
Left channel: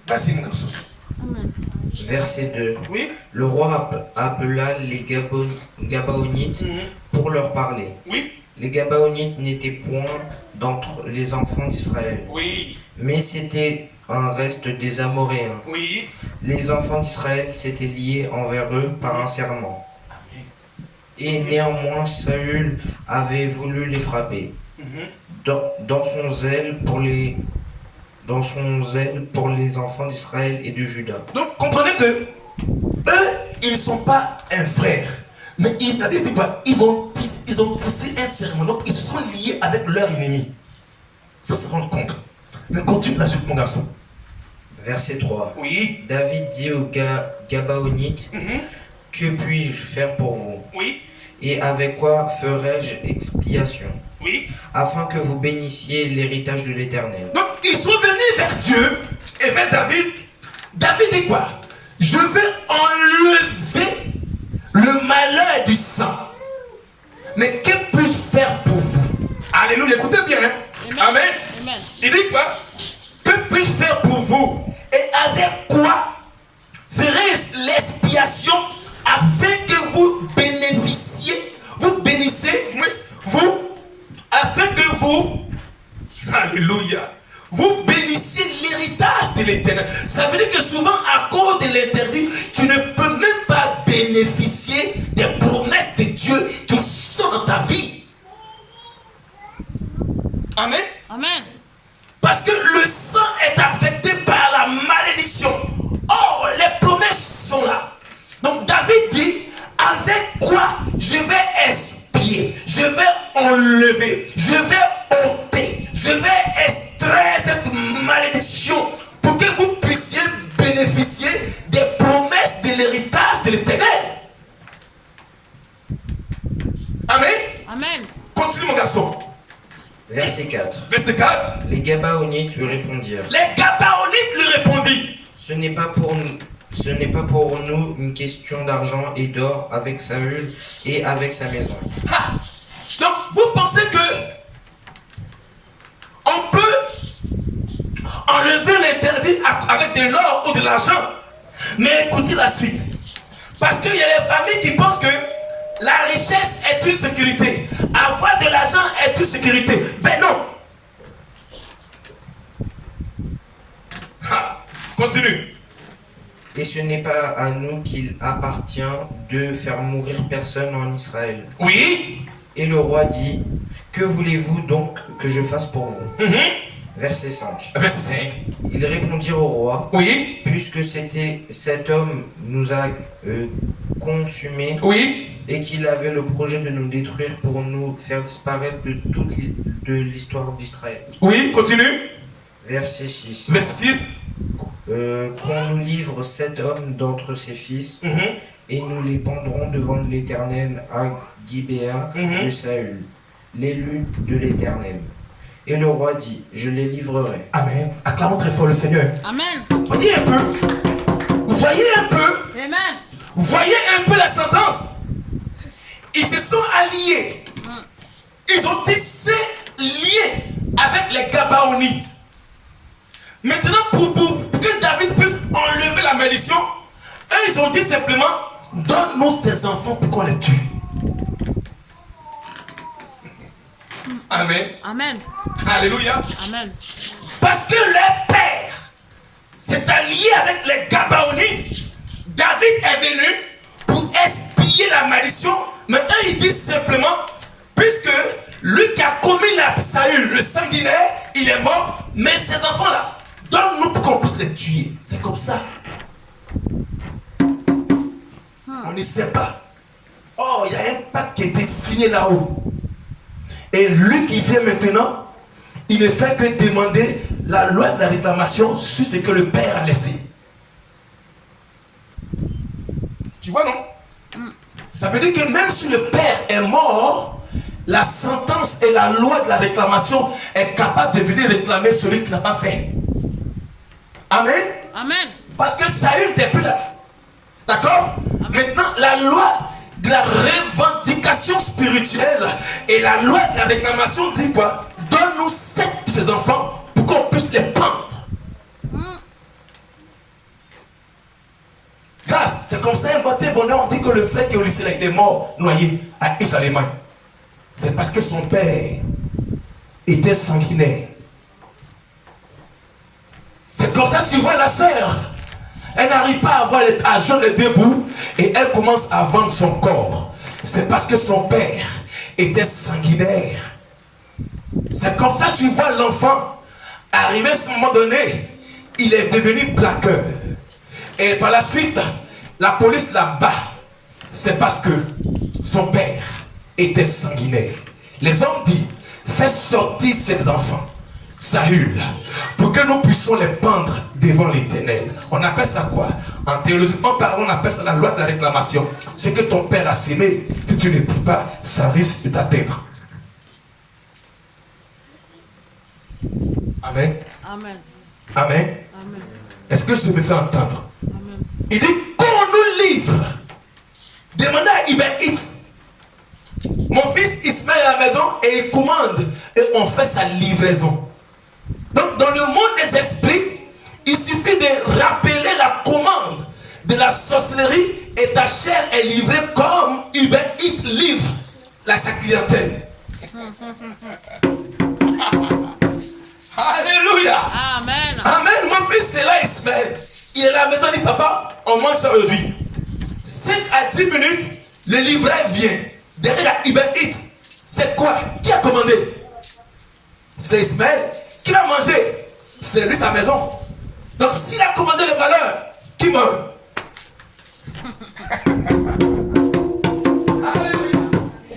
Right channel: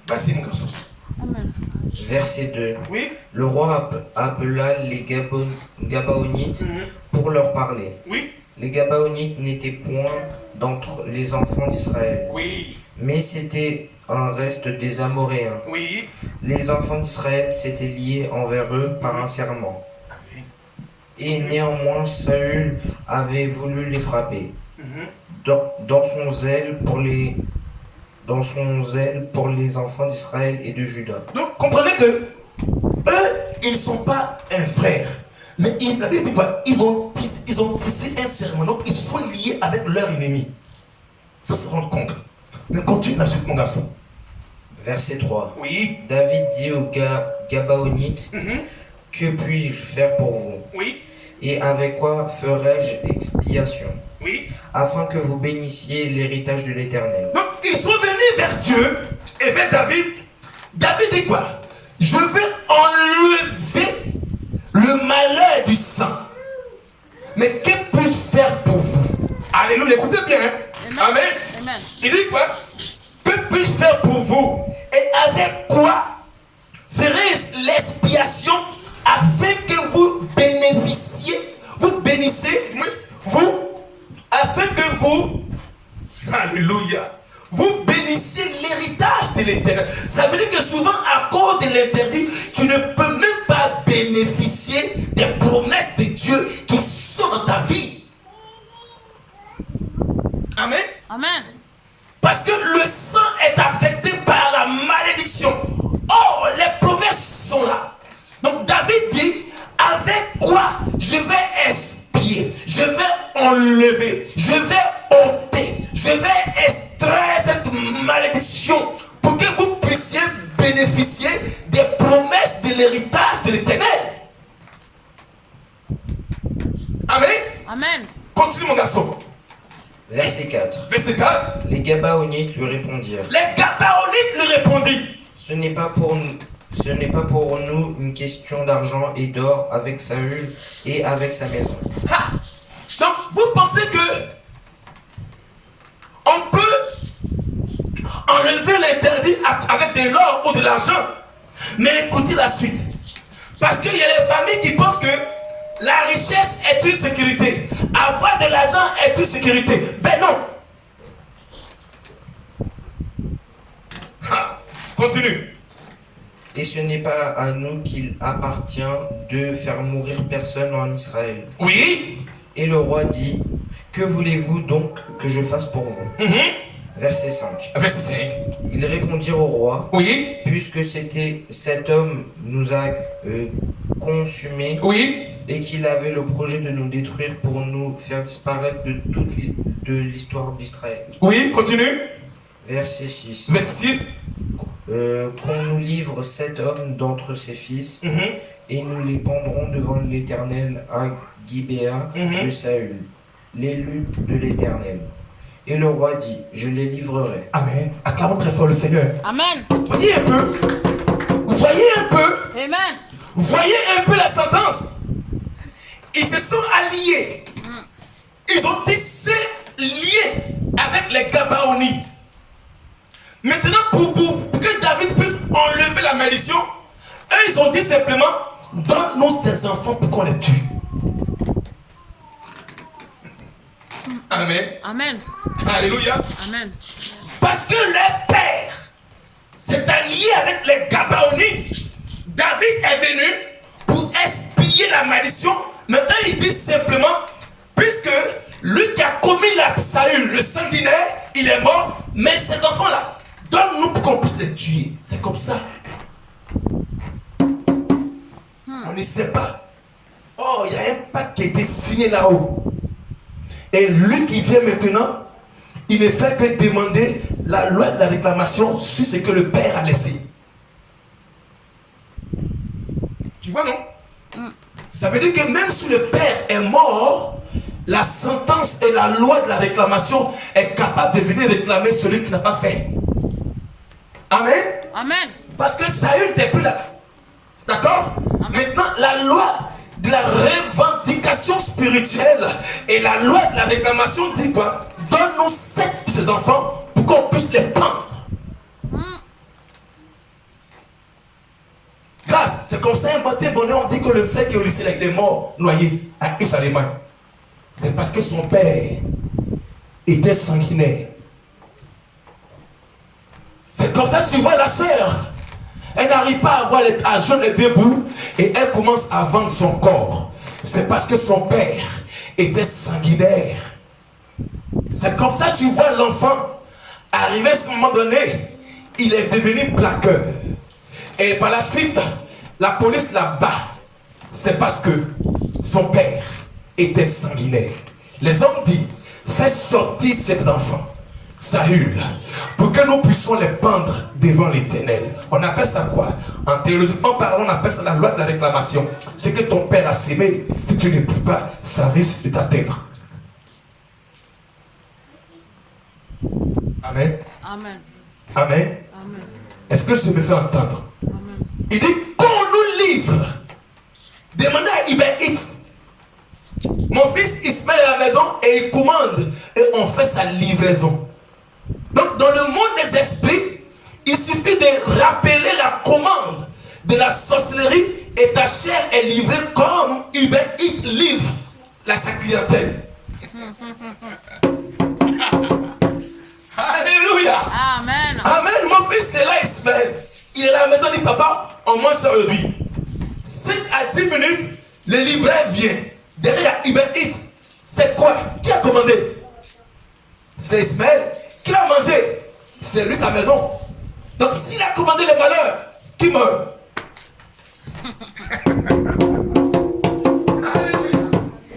Vas-y, mon garçon. Amen. Verset 2. Oui? Le roi appela les Gabaonites pour leur parler. Oui? Les Gabaonites n'étaient point d'entre les enfants d'Israël, Oui. mais c'était un reste des Amoréens. Oui. Les enfants d'Israël s'étaient liés envers eux par un serment. Et néanmoins, Saül avait voulu les frapper. Dans son zèle pour les enfants d'Israël et de Juda. Donc comprenez que eux, ils ne sont pas un frère. Mais la Bible dit quoi? Ils ont tissé un serment. Donc ils sont liés avec leur ennemi. Ça se rend compte. Mais continue la suite, mon garçon. Verset 3. Oui. David dit aux Gabaonites, que puis-je faire pour vous? Oui. Et avec quoi ferai-je expiation? Oui. Afin que vous bénissiez l'héritage de l'Éternel. Donc ils sont venus vers Dieu et vers David. David dit quoi? Je vais enlever le malheur du sang. Mais que puis-je faire pour vous? Alléluia, écoutez bien. Hein? Amen. Amen. Il dit quoi? Que puis-je faire pour vous? Et avec quoi ferai-je l'expiation afin que vous bénissez, afin que vous, alléluia, vous bénissiez l'héritage de l'Éternel. Ça veut dire que souvent, à cause de l'interdit, tu ne peux même pas bénéficier des promesses de Dieu qui sont dans ta vie. Amen. Amen. Parce que le sang est affecté par la malédiction. Or, les promesses sont là. Donc David dit, avec quoi je vais expier, je vais enlever, je vais ôter, je vais extraire cette malédiction pour que vous puissiez bénéficier des promesses de l'héritage de l'Éternel. Amen. Amen. Continue mon garçon. Verset 4. Verset 4. Les Gabaonites lui répondirent. Les Gabaonites lui répondirent. Ce n'est pas pour nous une question d'argent et d'or avec Saül et avec sa maison. Ha! Donc vous pensez que on peut enlever l'interdit avec de l'or ou de l'argent? Mais écoutez la suite. Parce qu'il y a les familles qui pensent que la richesse est une sécurité. Avoir de l'argent est une sécurité. Ben non. Ha! Continue. Et ce n'est pas à nous qu'il appartient de faire mourir personne en Israël. Oui. Et le roi dit, que voulez-vous donc que je fasse pour vous? Verset 5. Verset 5. Ils répondirent au roi, Oui. puisque cet homme nous a consumés, Oui. et qu'il avait le projet de nous détruire pour nous faire disparaître de l'histoire d'Israël. Oui, continue. Verset 6. Verset 6. Qu'on nous livre 7 hommes d'entre ses fils, et nous les pendrons devant l'Éternel à Gibéa de Saül, l'élu de l'Éternel. Et le roi dit, je les livrerai. Amen. Acclamons très fort le Seigneur. Amen. Voyez un peu. Voyez un peu. Amen. Voyez un peu la sentence. Ils se sont alliés. Ils ont tissé liés avec les Gabaonites. Maintenant, pour que David puisse enlever la malédiction, eux, ils ont dit simplement, donne-nous ces enfants pour qu'on les tue. Amen. Amen. Alléluia. Amen. Parce que leur père s'est allié avec les Gabaonites. David est venu pour expier la malédiction. Mais eux, ils disent simplement, puisque lui qui a commis la Saül, le sanguinaire, il est mort, mais ces enfants-là, donne-nous pour qu'on puisse les tuer. C'est comme ça. On ne sait pas. Oh, il y a un pacte qui a été signé là-haut. Et lui qui vient maintenant, il ne fait que demander la loi de la réclamation sur ce que le père a laissé. Tu vois, non? Ça veut dire que même si le père est mort, la sentence et la loi de la réclamation est capable de venir réclamer celui qui n'a pas fait. Amen. Amen. Parce que Saül n'était plus là. D'accord? Maintenant, la loi de la revendication spirituelle et la loi de la réclamation dit quoi? Donne-nous 7 de ces enfants pour qu'on puisse les prendre. Grâce, c'est comme ça un matin bonheur, on dit que le frère qui est au lycée là, il est mort, noyé à Is-Allemagne. C'est parce que son père était sanguinaire. C'est comme ça que tu vois la sœur. Elle n'arrive pas à jeûner debout et elle commence à vendre son corps. C'est parce que son père était sanguinaire. C'est comme ça que tu vois l'enfant arriver à ce moment donné. Il est devenu braqueur. Et par la suite, la police la bat. C'est parce que son père était sanguinaire. Les hommes disent, fais sortir ces enfants, Saül, pour que nous puissions les pendre devant l'Éternel. On appelle ça quoi? En théologiquement parlant, on appelle ça la loi de la réclamation. Ce que ton père a sémé, que tu ne peux pas, ça risque de t'atteindre. Amen. Amen. Amen. Amen. Est-ce que je me fais entendre? Amen. Il dit, qu'on nous livre. Demandez à Ibn. Mon fils, il se met à la maison et il commande. Et on fait sa livraison. Donc, dans le monde des esprits, il suffit de rappeler la commande de la sorcellerie et ta chair est livrée comme Ibn livre sa clientèle. Alléluia. Amen. Amen. Mon fils est là, Ismaël. Il est à la maison, il dit, papa, on mange ça aujourd'hui. 5 à 10 minutes, le livret vient. Derrière Ibn It. C'est quoi? Qui a commandé? C'est Ismaël. Qui l'a mangé? C'est lui, sa maison. Donc s'il a commandé le malheur, qui meurt? Alléluia.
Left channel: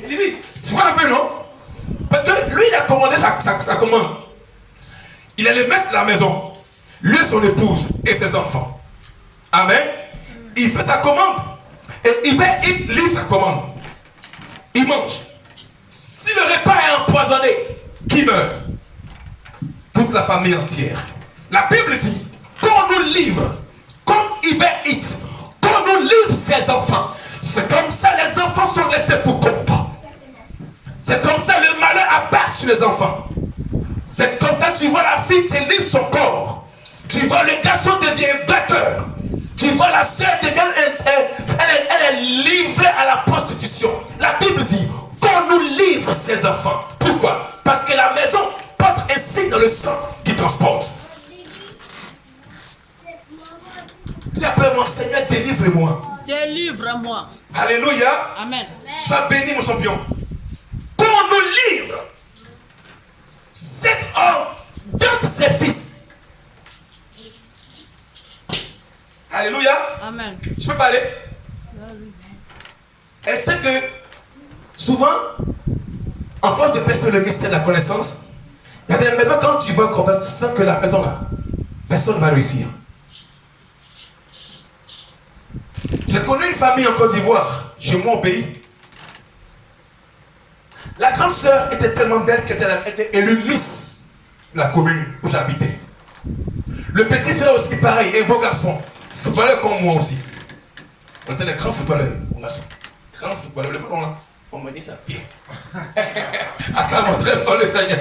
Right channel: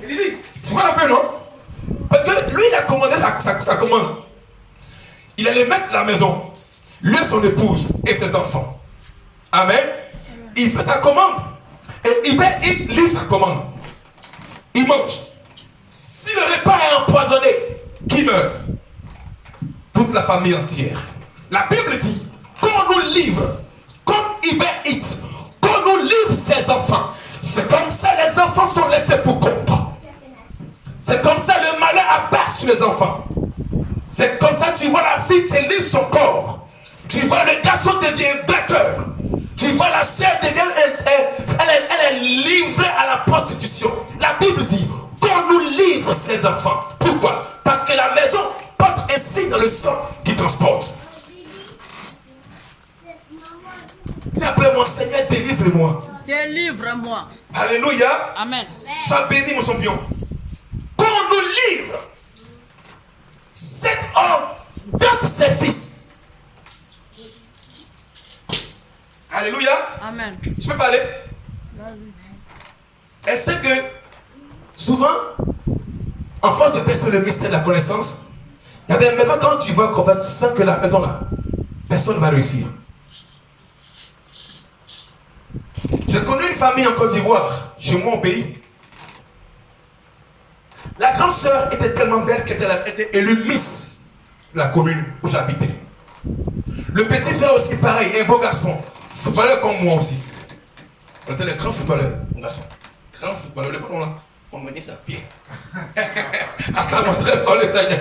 Il dit, tu vois un peu, non? Parce que lui, il a commandé sa commande. Il allait mettre la maison. Lui, son épouse et ses enfants. Amen. Il fait sa commande. Et il livre sa commande. Il mange. Si le repas est empoisonné, qui meurt? Toute la famille entière. La Bible dit qu'on nous livre, comme Ibn It, qu'on nous livre ses enfants. C'est comme ça les enfants sont laissés pour compte. C'est comme ça le malheur abat sur les enfants. C'est comme ça tu vois la fille qui livre son corps. Tu vois le garçon devient batteur. Tu vois la sœur devient, elle est livrée à la prostitution. La Bible dit qu'on nous livre ses enfants. Pourquoi? Parce que la maison porte un signe dans le sang qui transporte. Dis après mon Seigneur, délivre-moi. Délivre-moi. Alléluia. Amen. Sois béni mon champion. Qu'on nous livre. Cet homme donne ses fils. Alléluia. Amen. Je peux parler? Vas-y. Et c'est que souvent, en force de percer le mystère de la connaissance, il y a des maisons quand tu vas convaincre, tu sens que la maison là, personne ne va réussir. J'ai connu une famille en Côte d'Ivoire, chez moi au pays. La grande sœur était tellement belle qu'elle était élue Miss de la commune où j'habitais. Le petit frère aussi pareil, un beau garçon, footballeur comme moi aussi. On était les grands footballeurs, mon garçon. Grands footballeurs, les ballons là, on menait ça bien. Acclamons très fort le Seigneur.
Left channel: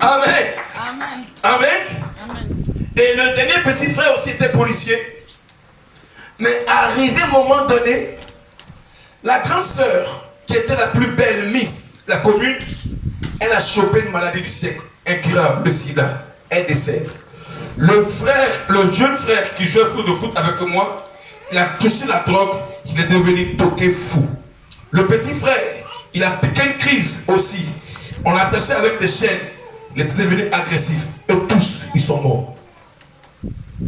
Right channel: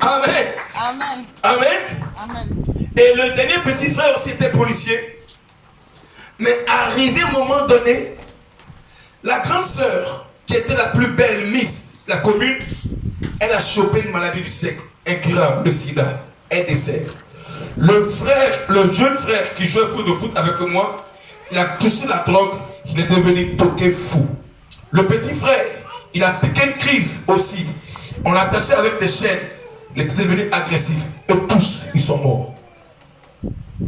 Amen. Amen. Amen. Amen. Et le dernier petit frère aussi était policier. Mais arrivé un moment donné, la grande sœur, qui était la plus belle Miss de la commune, elle a chopé une maladie du siècle, incurable, le sida, un décès. Le jeune frère qui jouait au foot avec moi, il a touché la drogue, il est devenu toqué fou. Le petit frère, il a piqué une crise aussi. On l'a attaché avec des chaînes, il était devenu agressif. Et tous, ils sont morts.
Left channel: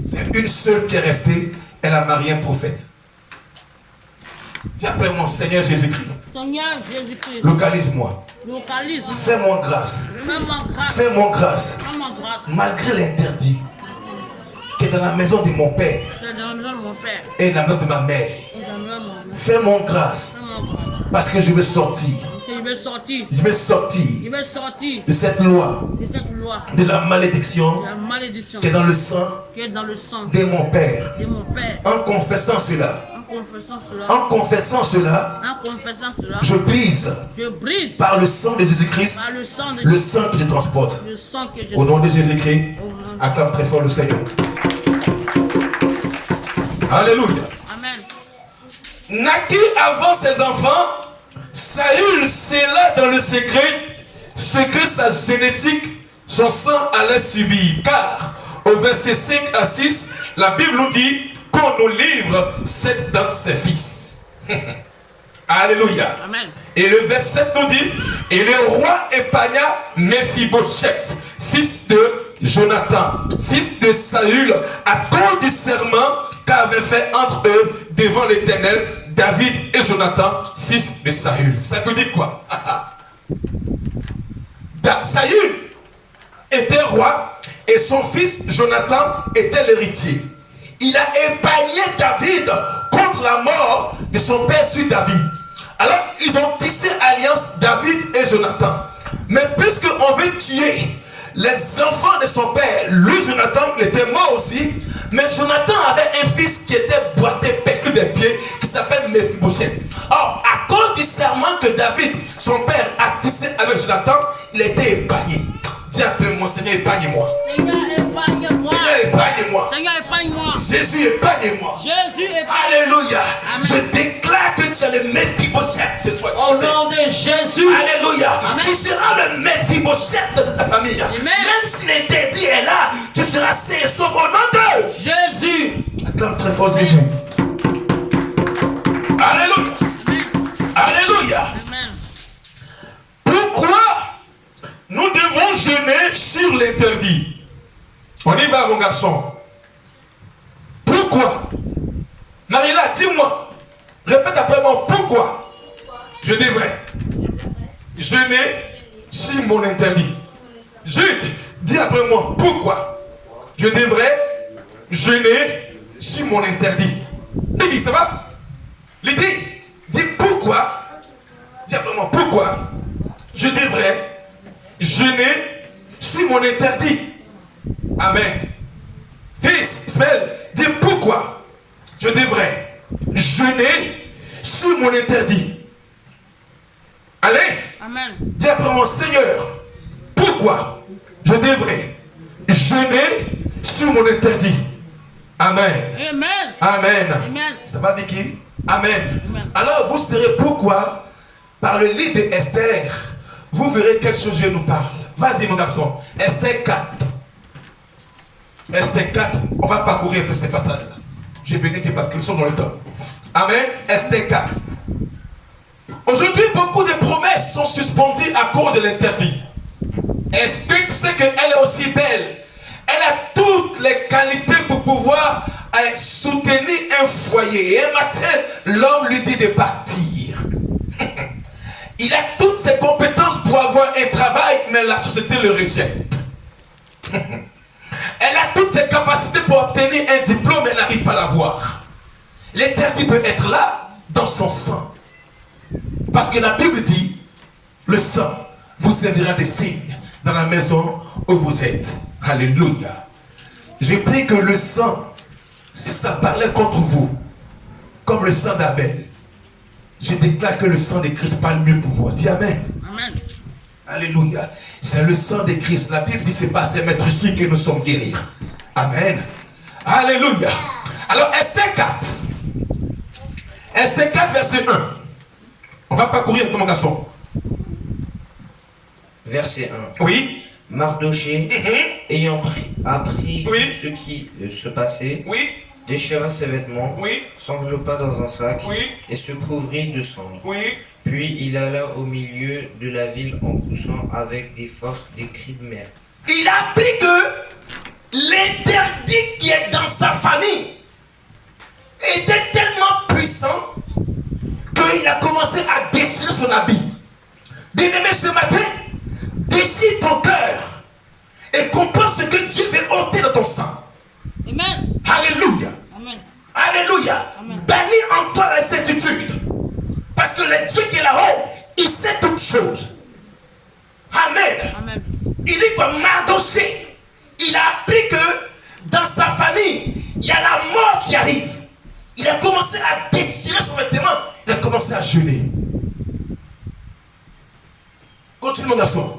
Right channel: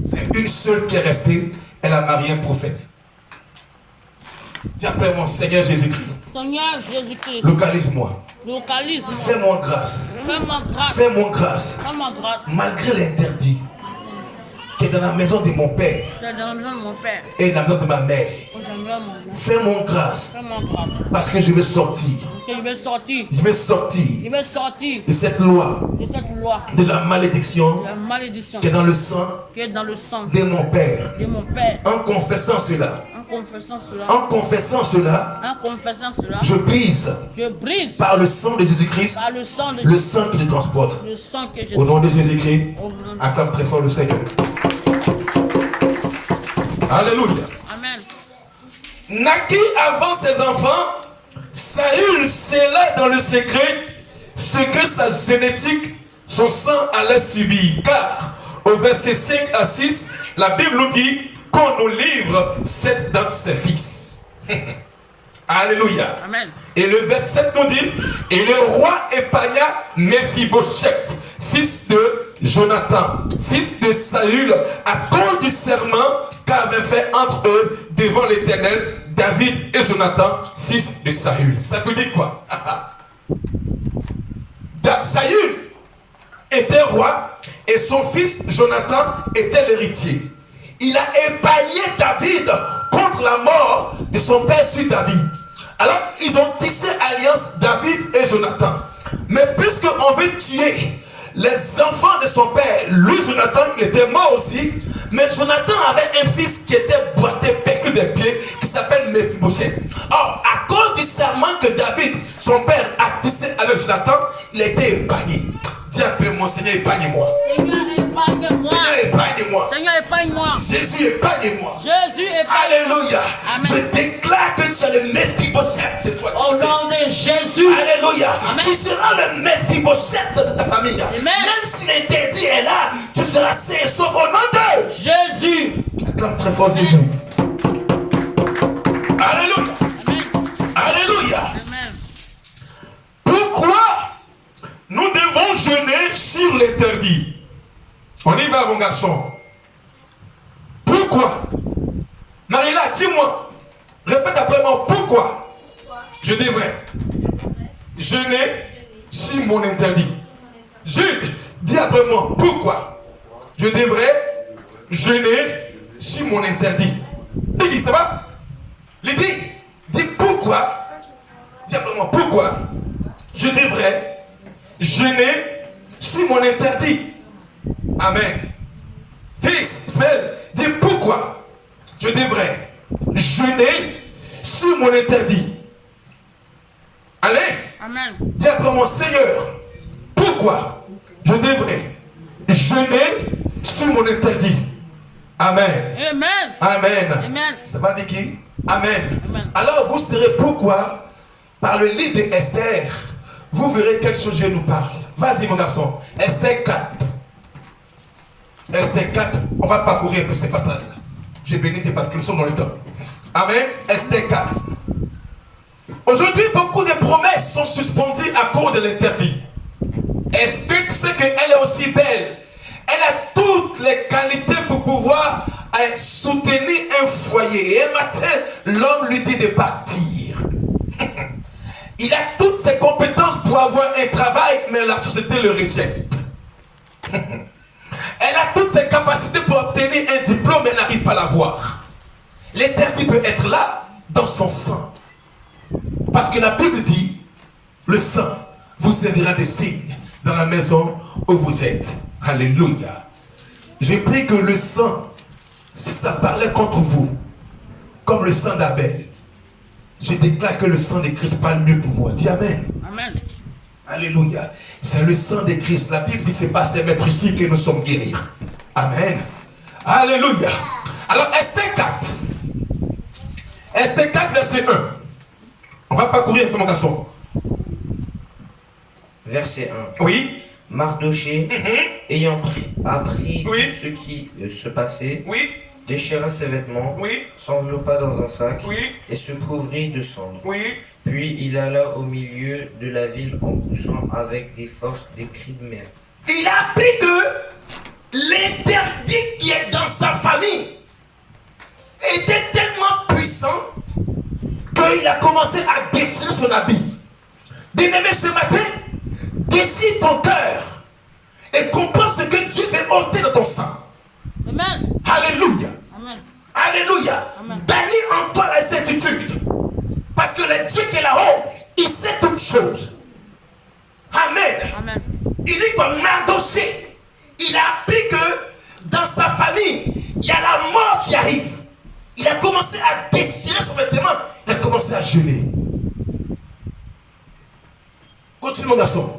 C'est une seule qui est restée, elle a marié un prophète. Dis après moi, Seigneur Jésus-Christ. Seigneur Jésus-Christ. Localise-moi. Localise-moi. Fais-moi grâce. Fais-moi grâce. Fais-moi grâce. Fais-moi grâce. Malgré l'interdit qui est dans la maison de mon père C'est dans la maison de mon père. et dans la maison de ma mère. Fais-moi grâce. Fais-moi grâce. Parce que je veux sortir. Parce que je vais sortir. Je vais sortir Je vais sortir de cette loi, de cette loi. de la malédiction De la malédiction qui est dans le sang qui est dans le sang de mon père. de mon père. En confessant cela, En confessant cela. en confessant cela, En confessant cela. je brise Je brise par le sang de Jésus-Christ par le sang de le sang que je transporte. le sang que je Au nom de Jésus-Christ, Au nom de- acclame très fort le Seigneur. Alléluia. Amen. Naquit avant ses enfants, Saül scella dans le secret ce que sa génétique, son sang allait subir. Car au verset 5 à 6, la Bible nous dit qu'on nous livre 7 d'entre ses fils. Alléluia. Amen. Et le verset 7 nous dit, et le roi épargna Méphibosheth, fils de Jonathan, fils de Saül, à cause du serment qu'avait fait entre eux devant l'Éternel David et Jonathan, fils de Saül. Ça veut dire quoi? Saül était roi et son fils Jonathan était l'héritier. Il a épargné David contre la mort de son père sur David. Alors ils ont tissé alliance David et Jonathan. Mais puisqu'on veut tuer les enfants de son père, lui Jonathan, il était mort aussi. Mais Jonathan avait un fils qui était boité, pécule des pieds, qui s'appelle Méphibosheth. Or, à cause du serment que David, son père, a tissé avec Jonathan, il a été épargné. Dis après moi, Seigneur, épargne-moi. Seigneur, épargne-moi. Seigneur, épargne-moi. Seigneur, épargne-moi. Jésus, épargne-moi. Jésus, épargne-moi. Alléluia. Amen. Je déclare que tu es le Méphibosheth ce soir. Au nom de Jésus. Alléluia. Amen. Tu seras le Méphibosheth de ta famille. Amen. Même si l'interdit est là, tu seras saint et sauf au nom de Jésus. acclame très fort Jésus. Alléluia. Amen. Alléluia. Amen. Pourquoi nous devons jeûner sur l'interdit? On y va, mon garçon. Pourquoi? Marilla, dis-moi. Répète après moi. Pourquoi je devrais jeûner sur mon interdit? Jude, dis après moi. Pourquoi je devrais jeûner sur mon interdit? Dis, ça va? L'idée, dis pourquoi. Dis après moi. Pourquoi je devrais jeûner sur mon interdit? Amen. Félix, Ismaël, dis pourquoi je devrais jeûner sur mon interdit. Allez. Amen. Dis après mon Seigneur, pourquoi je devrais jeûner sur mon interdit. Amen. Amen. Amen. Amen. Ça va Vicky? Amen. Amen. Alors vous saurez pourquoi, par le livre d'Esther, vous verrez quel sujet nous parle. Vas-y mon garçon. Esther 4. Esther 4. On va parcourir un peu ces passages-là. J'ai béni Dieu parce que nous sommes dans le temps. Amen. Esther 4. Aujourd'hui, beaucoup de promesses sont suspendues à cause de l'interdit. Est-ce que tu sais qu'elle est aussi belle? Elle a toutes les qualités pour pouvoir soutenir un foyer. Et un matin, l'homme lui dit de partir. Il a toutes ses compétences pour avoir un travail, mais la société le rejette. Elle a toutes ses capacités pour obtenir un diplôme, mais elle n'arrive pas à l'avoir. L'interdit peut être là, dans son sang. Parce que la Bible dit, le sang vous servira de signe dans la maison où vous êtes. Alléluia. Je prie que le sang, si ça parlait contre vous, comme le sang d'Abel, je déclare que le sang de Christ parle mieux pour vous. Dis Amen. Amen. Alléluia. C'est le sang de Christ. La Bible dit c'est pas ces maîtres ici que nous sommes guéris. Amen. Alléluia. Alors Esther 4. Esther 4 verset 1. On va parcourir mon garçon. Verset 1. Oui. Mardoché, ayant appris Oui. ce qui se passait, Oui. déchira ses vêtements, Oui. s'enveloppa dans un sac Oui. et se couvrit de cendres. Oui. Puis il alla au milieu de la ville en poussant avec des forces des cris de mer. Il a appris que l'interdit qui est dans sa famille était tellement puissant qu'il a commencé à déchirer son habit. Bien-aimé, ce matin, déchire ton cœur et comprends ce que Dieu veut ôter de ton sang. Amen. Alléluia. Amen. Alléluia. Amen. Bannis en toi la certitude. Parce que le Dieu qui est là-haut, il sait toutes choses. Amen. Amen. Il dit quoi? Mardoché, il a appris que dans sa famille, il y a la mort qui arrive. Il a commencé à déchirer son vêtement. Il a commencé à jeûner. Continue mon garçon.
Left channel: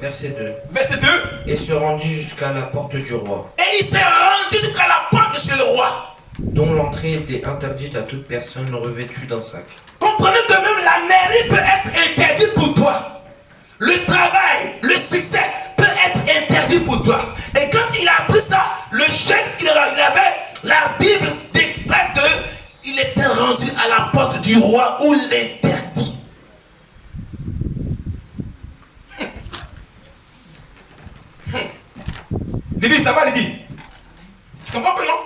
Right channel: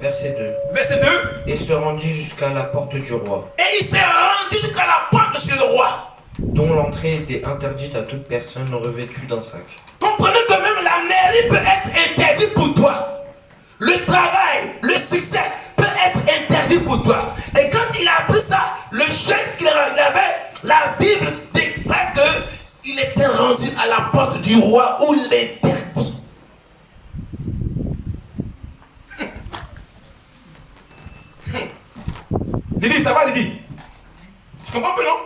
Verset 2. Verset 2. Et se rendit jusqu'à la porte du roi, Et il s'est rendu jusqu'à la porte de chez le roi. dont l'entrée était interdite à toute personne revêtue d'un sac. Comprenez que même la mairie peut être interdite pour toi. Le travail, le succès peut être interdit pour toi. Et quand il a appris ça, le jeûne qu'il avait, la Bible déclare qu'il était rendu à la porte du roi où l'interdit. Lydie, ça va, Lydie? Tu comprends pas, non?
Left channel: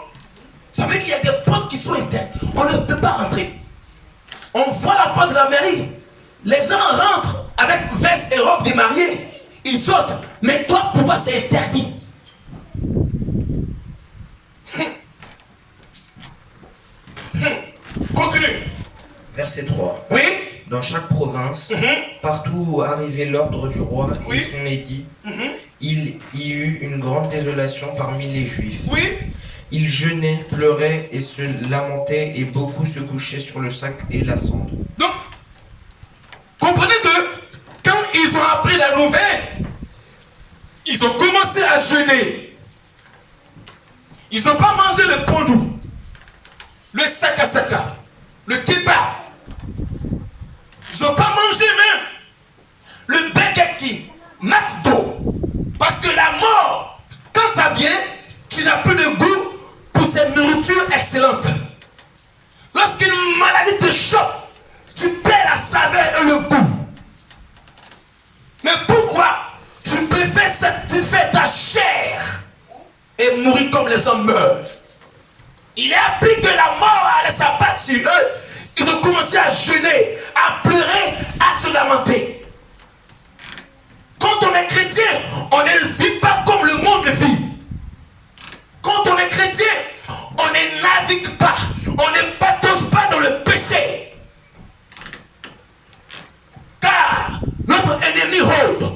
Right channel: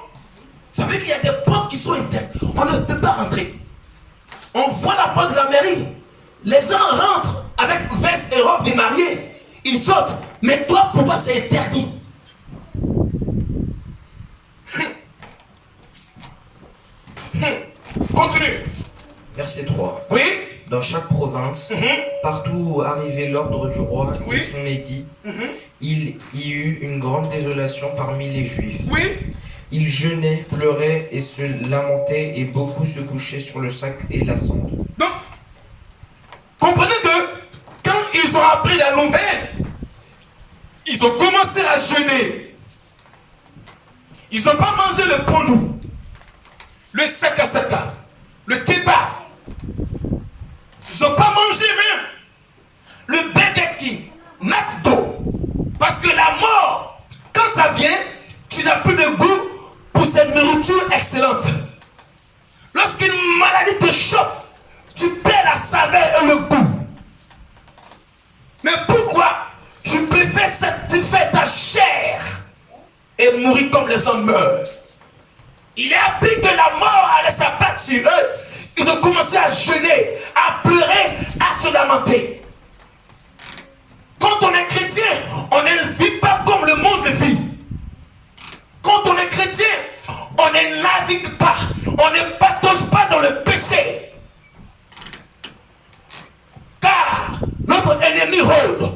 Ça veut dire qu'il y a des portes qui sont interdites. On ne peut pas rentrer. On voit la porte de la mairie. Les gens rentrent avec veste et robe des mariés. Ils sautent. Mais toi, pour toi, c'est interdit. Continue. Verset 3. Oui. Dans chaque province, partout où arrivait l'ordre du roi et son édit, il y eut une grande désolation parmi les Juifs. Oui. Ils jeûnaient, pleuraient et se lamentaient, et beaucoup se couchaient sur le sac et la cendre. Donc, comprenez que quand ils ont appris la nouvelle, ils ont commencé à jeûner. Ils n'ont pas mangé le pondou, le sakasaka, le kebab. Ils n'ont pas mangé même le Burger King, McDo. Parce que la mort, quand ça vient, tu n'as plus de goût pour cette nourriture excellente. Lorsqu'une maladie te chope, tu perds la saveur et le goût. Mais pourquoi tu préfères satisfaire ta chair et mourir comme les hommes meurent? Il est appris que la mort allait s'abattre sur eux. Ils ont commencé à jeûner, à pleurer, à se lamenter. Quand on est chrétien, on ne vit pas comme le monde vit. Quand on est chrétien, on ne navigue pas, on ne patauge pas dans le péché. Car notre ennemi rôde.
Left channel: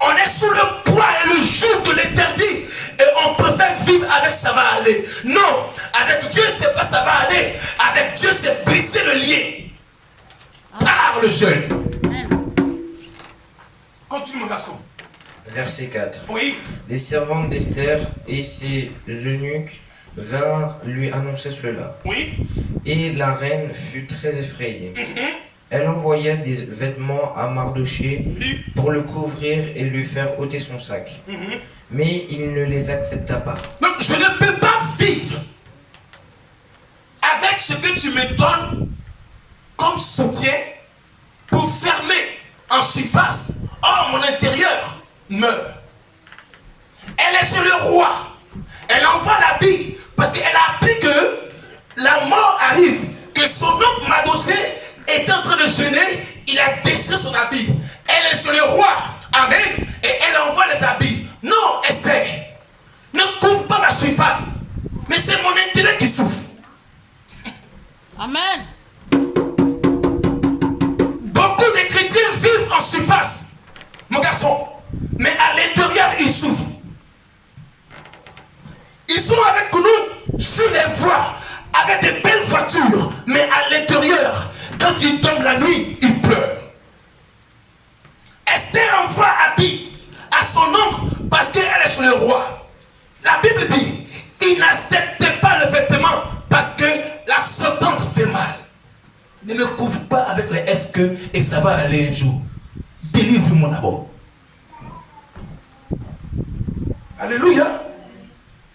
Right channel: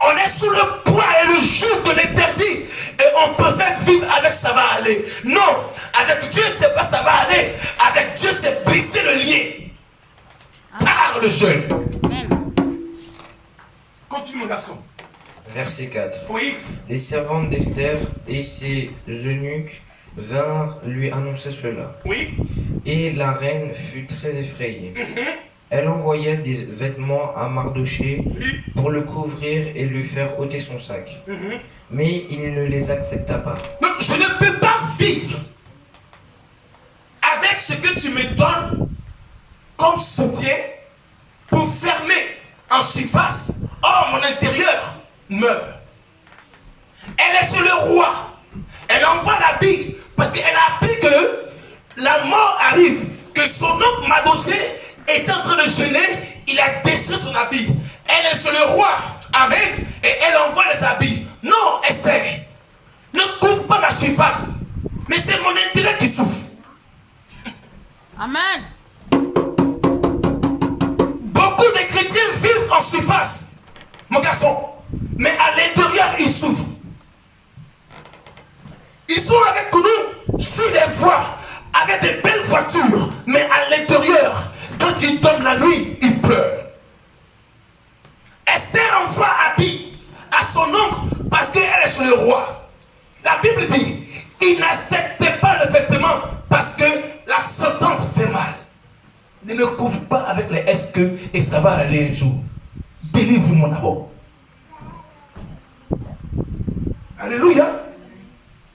On est sous le poids et le joug de l'interdit. Et on préfère vivre avec ça va aller. Non, avec Dieu, c'est pas ça va aller. Avec Dieu, c'est briser le lien. Par le jeûne. Amen. Continue, mon garçon. Verset 4. Oui. Les servantes d'Esther et ses eunuques vinrent lui annoncer cela. Oui. Et la reine fut très effrayée. Elle envoya des vêtements à Mardochée pour le couvrir et lui faire ôter son sac. Mais il ne les accepta pas. Mais je ne peux pas vivre avec ce que tu me donnes comme soutien pour fermer en surface. Or, mon intérieur meurt. Elle est chez le roi. Elle envoie l'habit parce qu'elle a appris que la mort arrive, que son oncle Mardochée est en train de jeûner, il a déchiré son habit. Elle est chez le roi. Amen. Et elle envoie les habits. Non, Esther, ne couvre pas ma surface. Mais c'est mon intérêt qui souffre. Amen. Beaucoup de chrétiens vivent en surface, mon garçon. Mais à l'intérieur, ils souffrent. Ils sont avec nous sur les voies, avec des belles voitures. Mais à l'intérieur, quand ils tombent la nuit, ils pleurent. Esther envoie habit à son oncle parce qu'elle est chez le roi. La Bible dit, il n'acceptait pas le vêtement parce que la sentence fait mal. Ne le couvre pas avec les est-ce que et ça va aller un jour. Délivre-moi d'abord. Alléluia.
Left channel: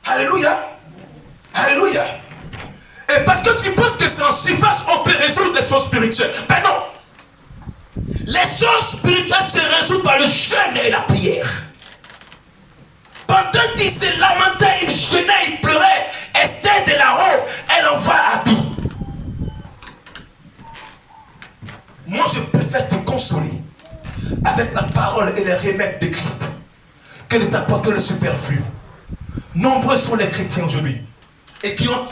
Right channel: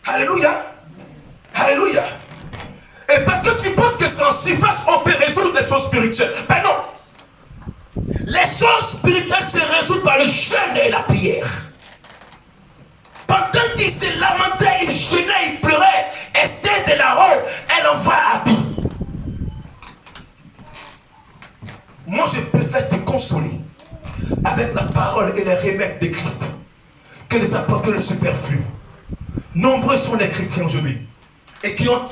Alléluia. Alléluia. Et parce que tu penses que c'est en surface on peut résoudre les choses spirituelles. Ben non. Les choses spirituelles se résolvent par le jeûne et la prière. Pendant qu'il se lamentait, il jeûnait, il pleurait. Esther de là-haut, elle envoie habit. Moi, je préfère te consoler avec la parole et les remèdes de Christ que de t'apporter le superflu. Nombreux sont les chrétiens aujourd'hui et qui ont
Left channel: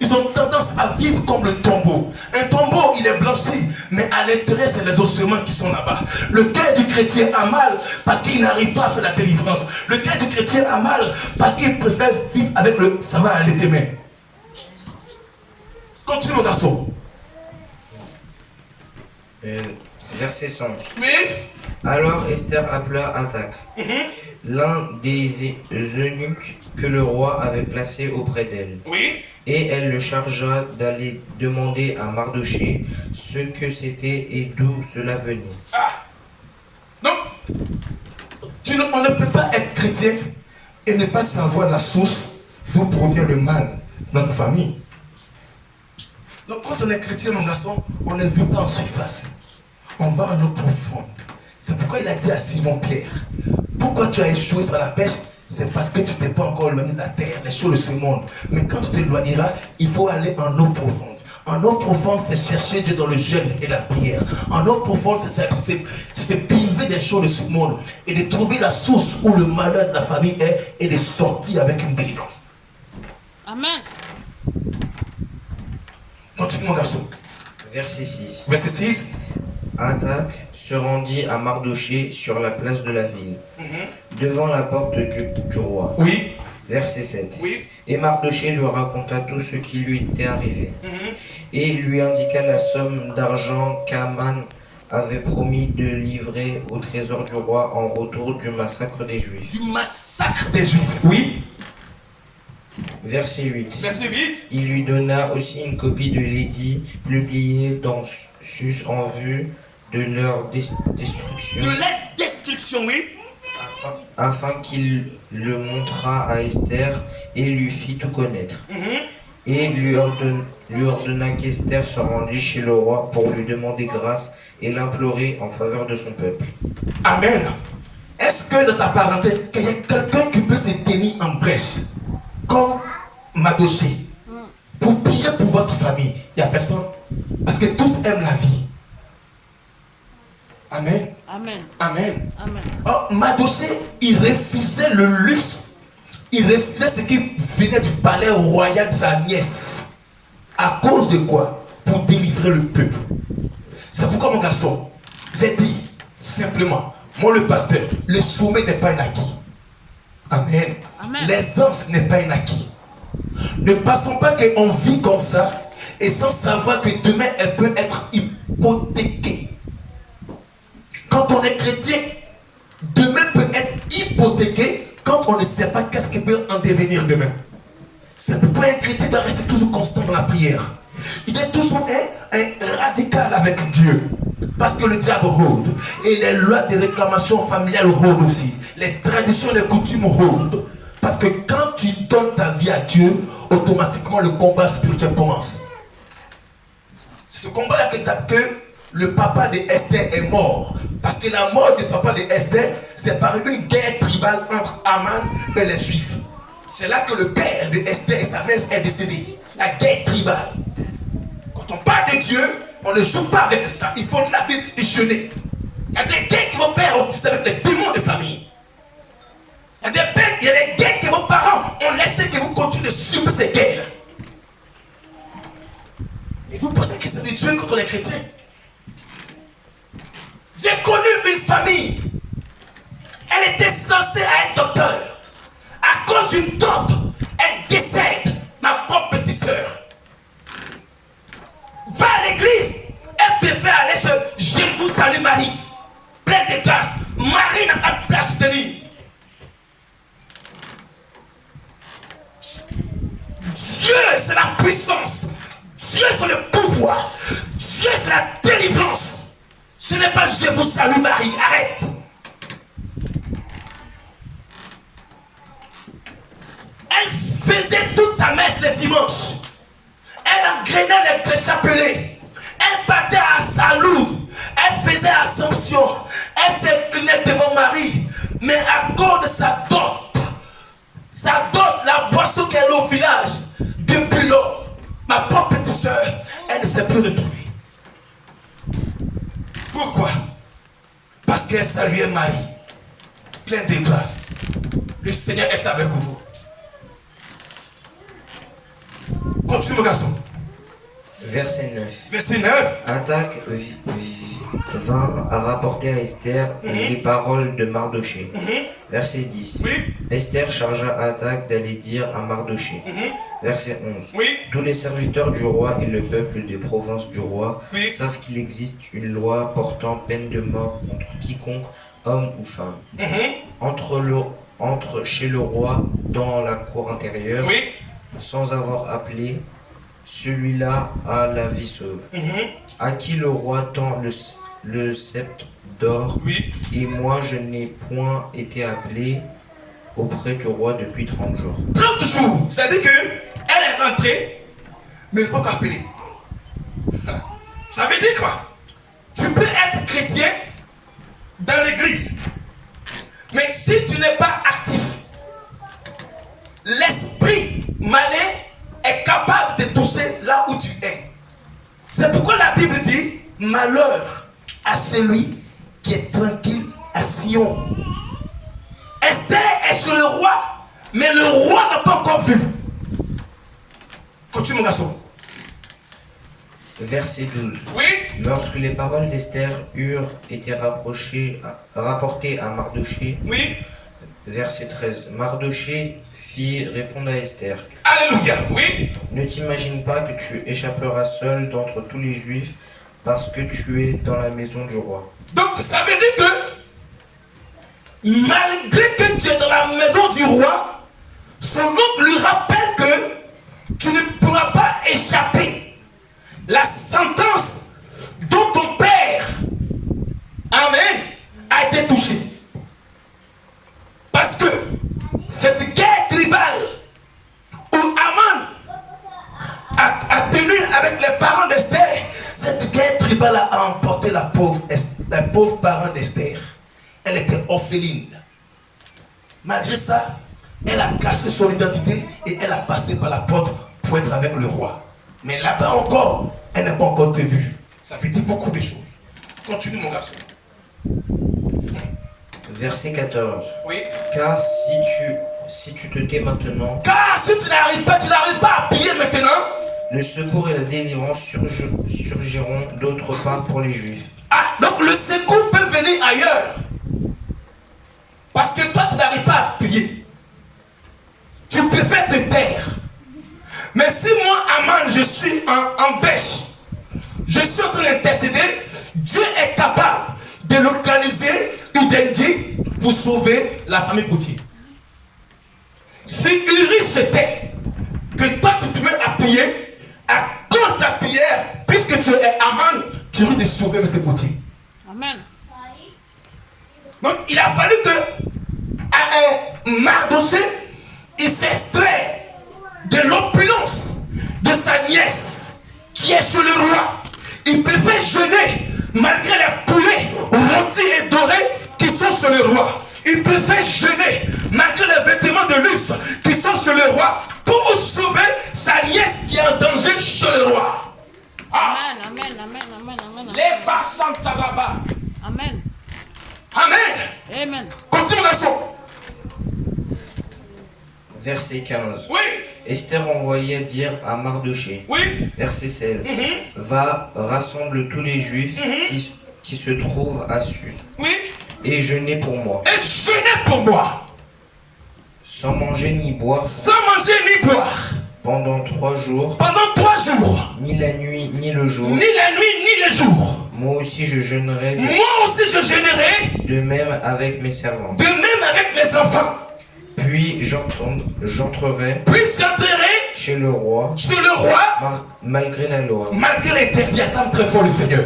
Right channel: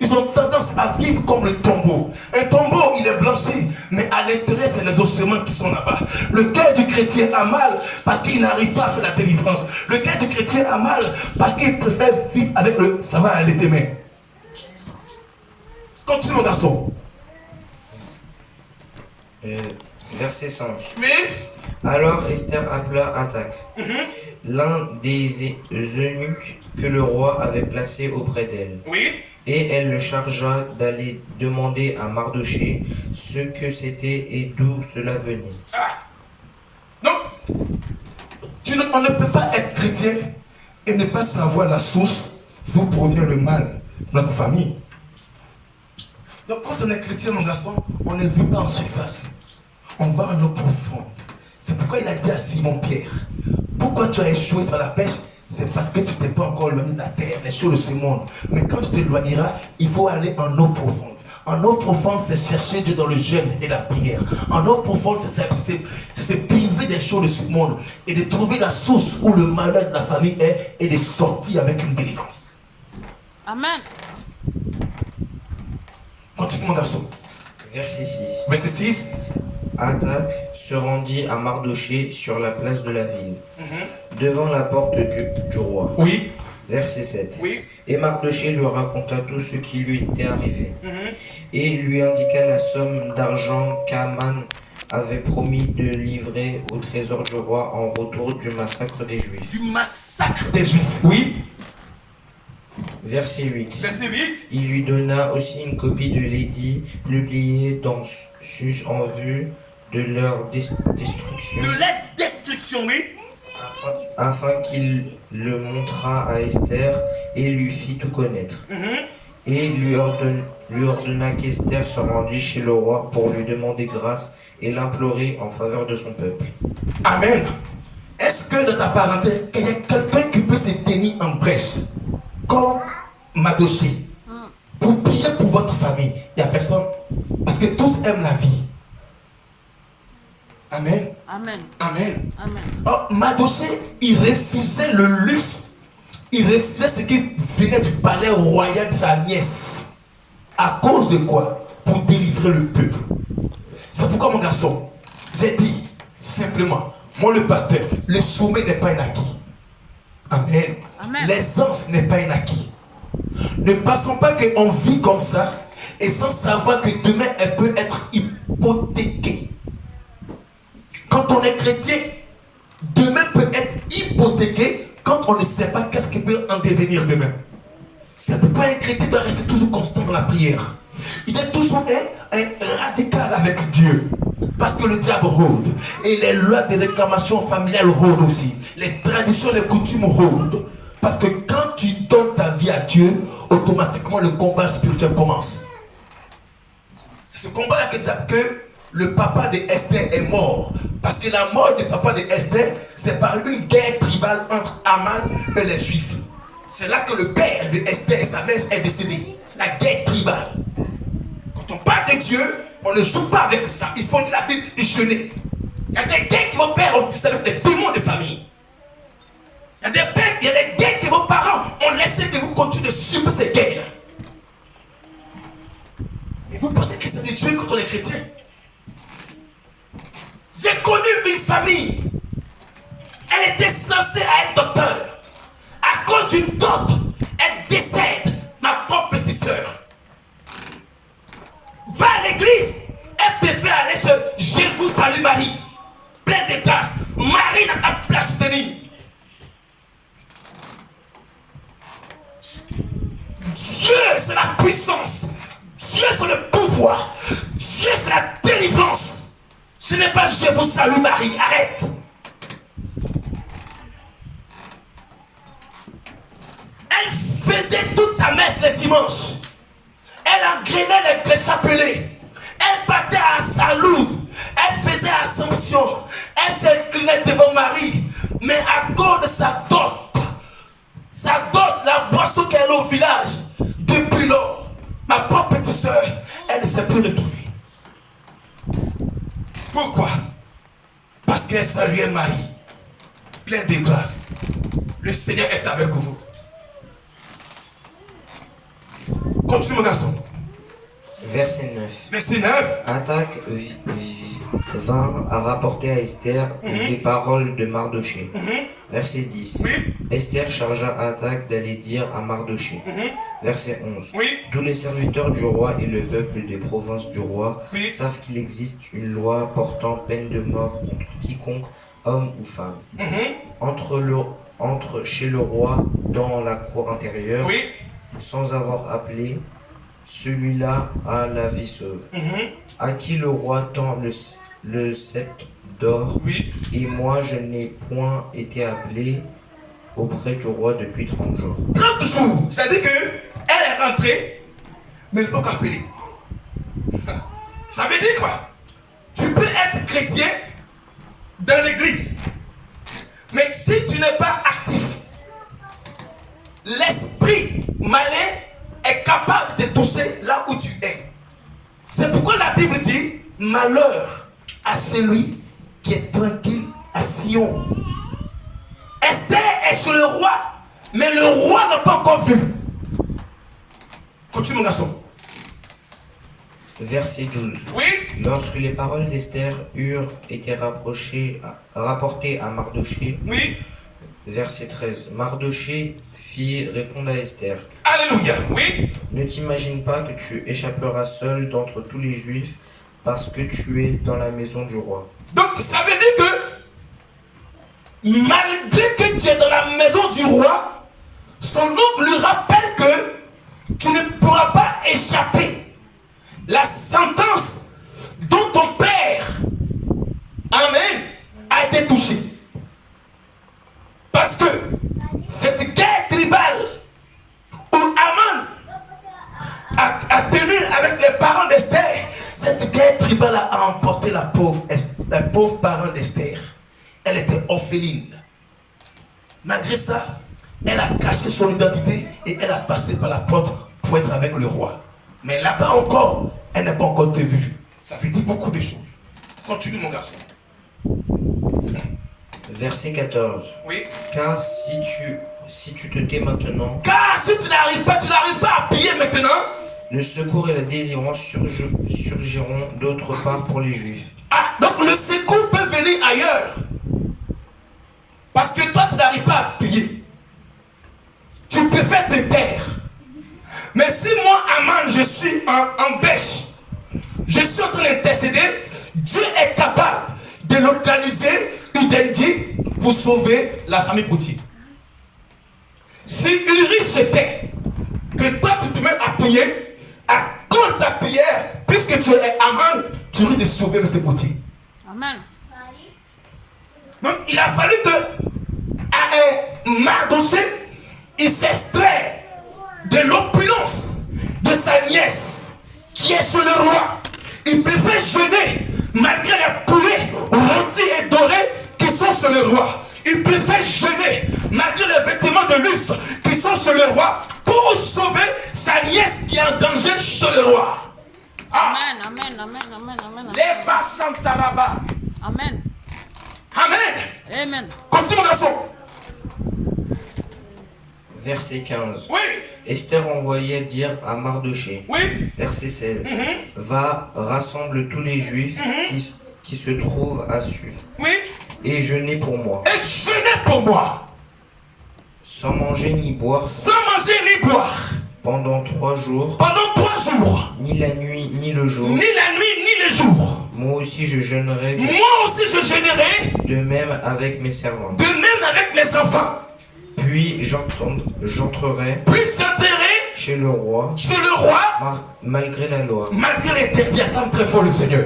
ils ont tendance à vivre comme le tombeau. Un tombeau, il est blanchi, mais à l'intérieur, c'est les ossements qui sont là-bas. Le cœur du chrétien a mal parce qu'il n'arrive pas à faire la délivrance. Le cœur du chrétien a mal parce qu'il préfère vivre avec le ça va aller demain. Continue, mon garçon. Verset 5. Mais Alors Esther appela Attaque, l'un des eunuques que le roi avait placé auprès d'elle. oui. Et elle le chargea d'aller demander à Mardochée ce que c'était et d'où cela venait. Donc, on ne peut pas être chrétien et ne pas savoir la source d'où provient le mal dans notre famille. Donc quand on est chrétien, mon garçon, on ne vit pas en surface. On va en eau profonde. C'est pourquoi il a dit à Simon-Pierre, pourquoi tu as échoué sur la pêche? C'est parce que tu t'es pas encore éloigné de la terre, des choses de ce monde. Mais quand tu t'éloigneras, il faut aller en eau profonde. En eau profonde, c'est chercher Dieu dans le jeûne et la prière. En eau profonde, c'est se priver des choses de ce monde et de trouver la source où le malheur de la famille est et de sortir avec une délivrance. Amen. Continue mon garçon. Verset 6. Verset 6. Athach se rendit à Mardoché sur la place de la ville, devant la porte du roi. Oui. Verset 7. Oui. Et Mardoché lui raconta tout ce qui lui était arrivé, et il lui indiqua la somme d'argent qu'Aman avait promis de livrer au trésor du roi en retour du massacre des Juifs. Du massacre des Juifs. Oui. Verset 8. Verset 8. Il lui donna aussi une copie de l'édit publié dans Sus en vue de leur destruction, De la destruction, oui. afin qu'il le montrât à Esther et lui fit tout connaître. Et lui ordonna qu'Esther se rendît chez le roi pour lui demander grâce et l'implorer en faveur de son peuple. Amen. Est-ce que dans ta parenté, il y a quelqu'un qui peut se tenir en brèche comme Mardoché pour prier pour votre famille? Il n'y a personne. Parce que tous aiment la vie. Amen. Amen. Amen. Amen. Oh, Mardoché, il refusait le luxe. Il refusait ce qui venait du palais royal de sa nièce. À cause de quoi? Pour délivrer le peuple. C'est pourquoi, mon garçon, j'ai dit simplement, moi le pasteur, le sommet n'est pas un acquis. Amen. Amen. L'aisance n'est pas un acquis. Ne passons pas qu'on vit comme ça et sans savoir que demain elle peut être hypothéquée. Quand on est chrétien, demain peut être hypothéqué quand on ne sait pas qu'est-ce qui peut en devenir demain. C'est pourquoi un chrétien doit rester toujours constant dans la prière. Il est toujours un radical avec Dieu. Parce que le diable rôde. Et les lois de réclamation familiale rôdent aussi. Les traditions, les coutumes rôdent. Parce que quand tu donnes ta vie à Dieu, automatiquement le combat spirituel commence. C'est ce combat-là que le papa de Esther est mort. Parce que la mort du papa de Esther, c'est par une guerre tribale entre Aman et les Juifs. C'est là que le père de Esther et sa mère est décédé. La guerre tribale. Quand on parle de Dieu, on ne joue pas avec ça. Il faut la Bible jeûner. Il y a des guerres qui vont perdre avec les démons de famille. Il y a des guerres que vos parents ont laissé que vous continuez de subir ces guerres. Et vous pensez que c'est de Dieu quand on est chrétien? J'ai connu une famille. Elle était censée être docteur. À cause d'une tante, elle décède, ma propre petite soeur. Va à l'église, elle préfère aller sur Je vous salue Marie. Pleine de grâce. Marie n'a pas de place soutenue. Dieu, c'est la puissance. Dieu, c'est le pouvoir. Dieu, c'est la délivrance. Ce n'est pas Je vous salue Marie. Arrête. Elle faisait toute sa messe le dimanche. Elle engrenait les chapelets. Elle battait à Salou. Elle faisait Assomption. Elle s'inclinait devant Marie. Mais à cause de sa dot, la boisson qu'elle a au village, depuis lors, ma propre petite soeur, elle ne s'est plus retrouvée. Pourquoi? Parce qu'elle saluait Marie, pleine de grâce. Le Seigneur est avec vous. Continue mon garçon. Verset 9. Verset 9. Athach vint à rapporter à Esther les paroles de Mardoché. Verset 10. Oui. Esther chargea Athach d'aller dire à Mardoché. Verset 11. Oui. Tous les serviteurs du roi et le peuple des provinces du roi Oui. savent qu'il existe une loi portant peine de mort contre quiconque, homme ou femme, entre chez le roi dans la cour intérieure, Oui. sans avoir appelé celui-là à la vie sauve, à qui le roi tend le sceptre d'or, Oui. et moi je n'ai point été appelé, auprès du roi depuis 30 jours. 30 jours. C'est-à-dire qu'elle est rentrée, mais elle n'est pas appelée. Ça veut dire quoi? Tu peux être chrétien dans l'église, mais si tu n'es pas actif, l'esprit malin est capable de toucher là où tu es. C'est pourquoi la Bible dit malheur à celui qui est tranquille à Sion. Esther est chez le roi, mais le roi n'a pas encore vu. Continue mon garçon. Verset 12. Oui. Lorsque les paroles d'Esther eurent été rapportées à Mardoché, Oui. verset 13, Mardoché fit répondre à Esther, Alléluia. Oui. ne t'imagine pas que tu échapperas seul d'entre tous les Juifs parce que tu es dans la maison du roi. Donc ça veut dire que malgré que tu es dans la maison du roi, son oncle lui rappelle que tu ne pourras pas échapper la sentence dont ton père, amen, a été touché. Parce que cette guerre tribale où Aman a tenu avec les parents d'Esther, cette guerre tribale a emporté la pauvre parent d'Esther. Elle était orpheline. Malgré ça, elle a caché son identité et elle a passé par la porte pour être avec le roi. Mais là-bas encore, elle n'a pas encore été vue. Ça veut dire beaucoup de choses. Continue mon garçon. Verset 14. Oui. Car si tu te tais maintenant, Car si tu n'arrives pas à piller maintenant, le secours et la délivrance surgiront d'autre part pour les Juifs. ah, donc le secours peut venir ailleurs. Parce que toi, tu n'arrives pas à piller. Tu préfères te taire. Mais si moi, Aman, je suis en bêche, je suis en train d'intercéder, Dieu est capable de localiser Udendi pour sauver la famille Poutier. Si Uri se tait, que toi tu te mets à prier, à cause de ta prière, puisque tu es Aman, tu risques de sauver M. Poutier. Amen. Donc il a fallu que à un Mardoché, il s'extrait de l'opulence de sa nièce qui est chez le roi. Il préfère jeûner malgré les poulets rôtis et dorés qui sont chez le roi. Il préfère jeûner malgré les vêtements de luxe qui sont chez le roi pour sauver sa nièce qui est en danger chez le roi. Amen, amen, amen, amen, amen. Les Bassantaraba. Amen. Amen. Amen. Continue mon garçon. Verset 15. Oui. Esther envoyait dire à Mardoché, Oui. verset 16, va, rassemble tous les Juifs qui se trouvent à Sus, Oui. et jeûnez pour moi, Et jeûnez pour moi. sans manger ni boire, Sans manger ni boire. pendant 3 jours, Pendant 3 jours. ni la nuit ni le jour. Ni la nuit ni le jour. Moi aussi je jeûnerai, Moi aussi je jeûnerai. de même avec mes servantes. De même avec mes enfants. Puis j'entrerai Puis j'entrerai chez le roi, chez le roi. malgré la loi. Malgré l'interdit, attends très fort le Seigneur.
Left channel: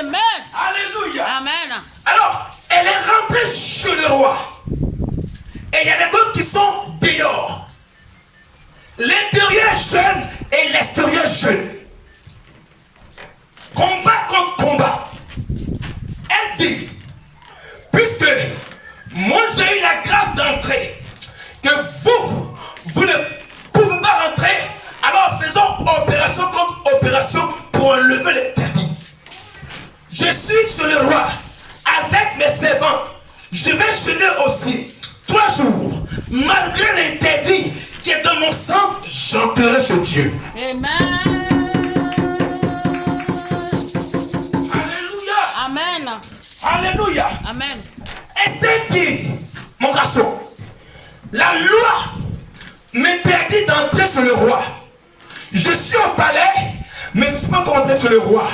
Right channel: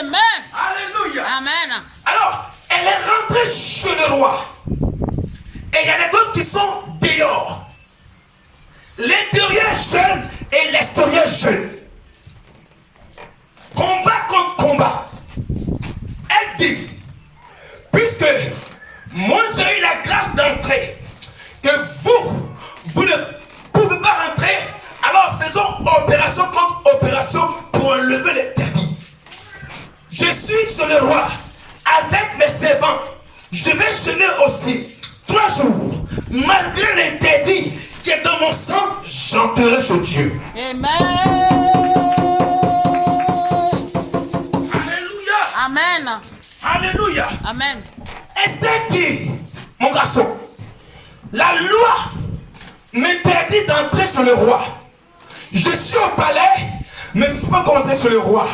Amen. Alléluia. Amen. Alors, elle est rentrée chez le roi. Et il y a les autres qui sont dehors. L'intérieur jeune et l'extérieur jeune. Combat contre combat. Elle dit, puisque moi j'ai eu la grâce d'entrer, que vous ne pouvez pas rentrer, alors faisons opération contre opération pour enlever l'interdit. Je suis sur le roi avec mes servants. Je vais jeûner aussi 3 jours. Malgré l'interdit qui est dans mon sang, j'entrerai chez Dieu. Amen. Alléluia. Amen. Alléluia. Amen. Esther dit, mon garçon, la loi m'interdit d'entrer sur le roi. Je suis au palais, mais je ne suis pas encore entré sur le roi.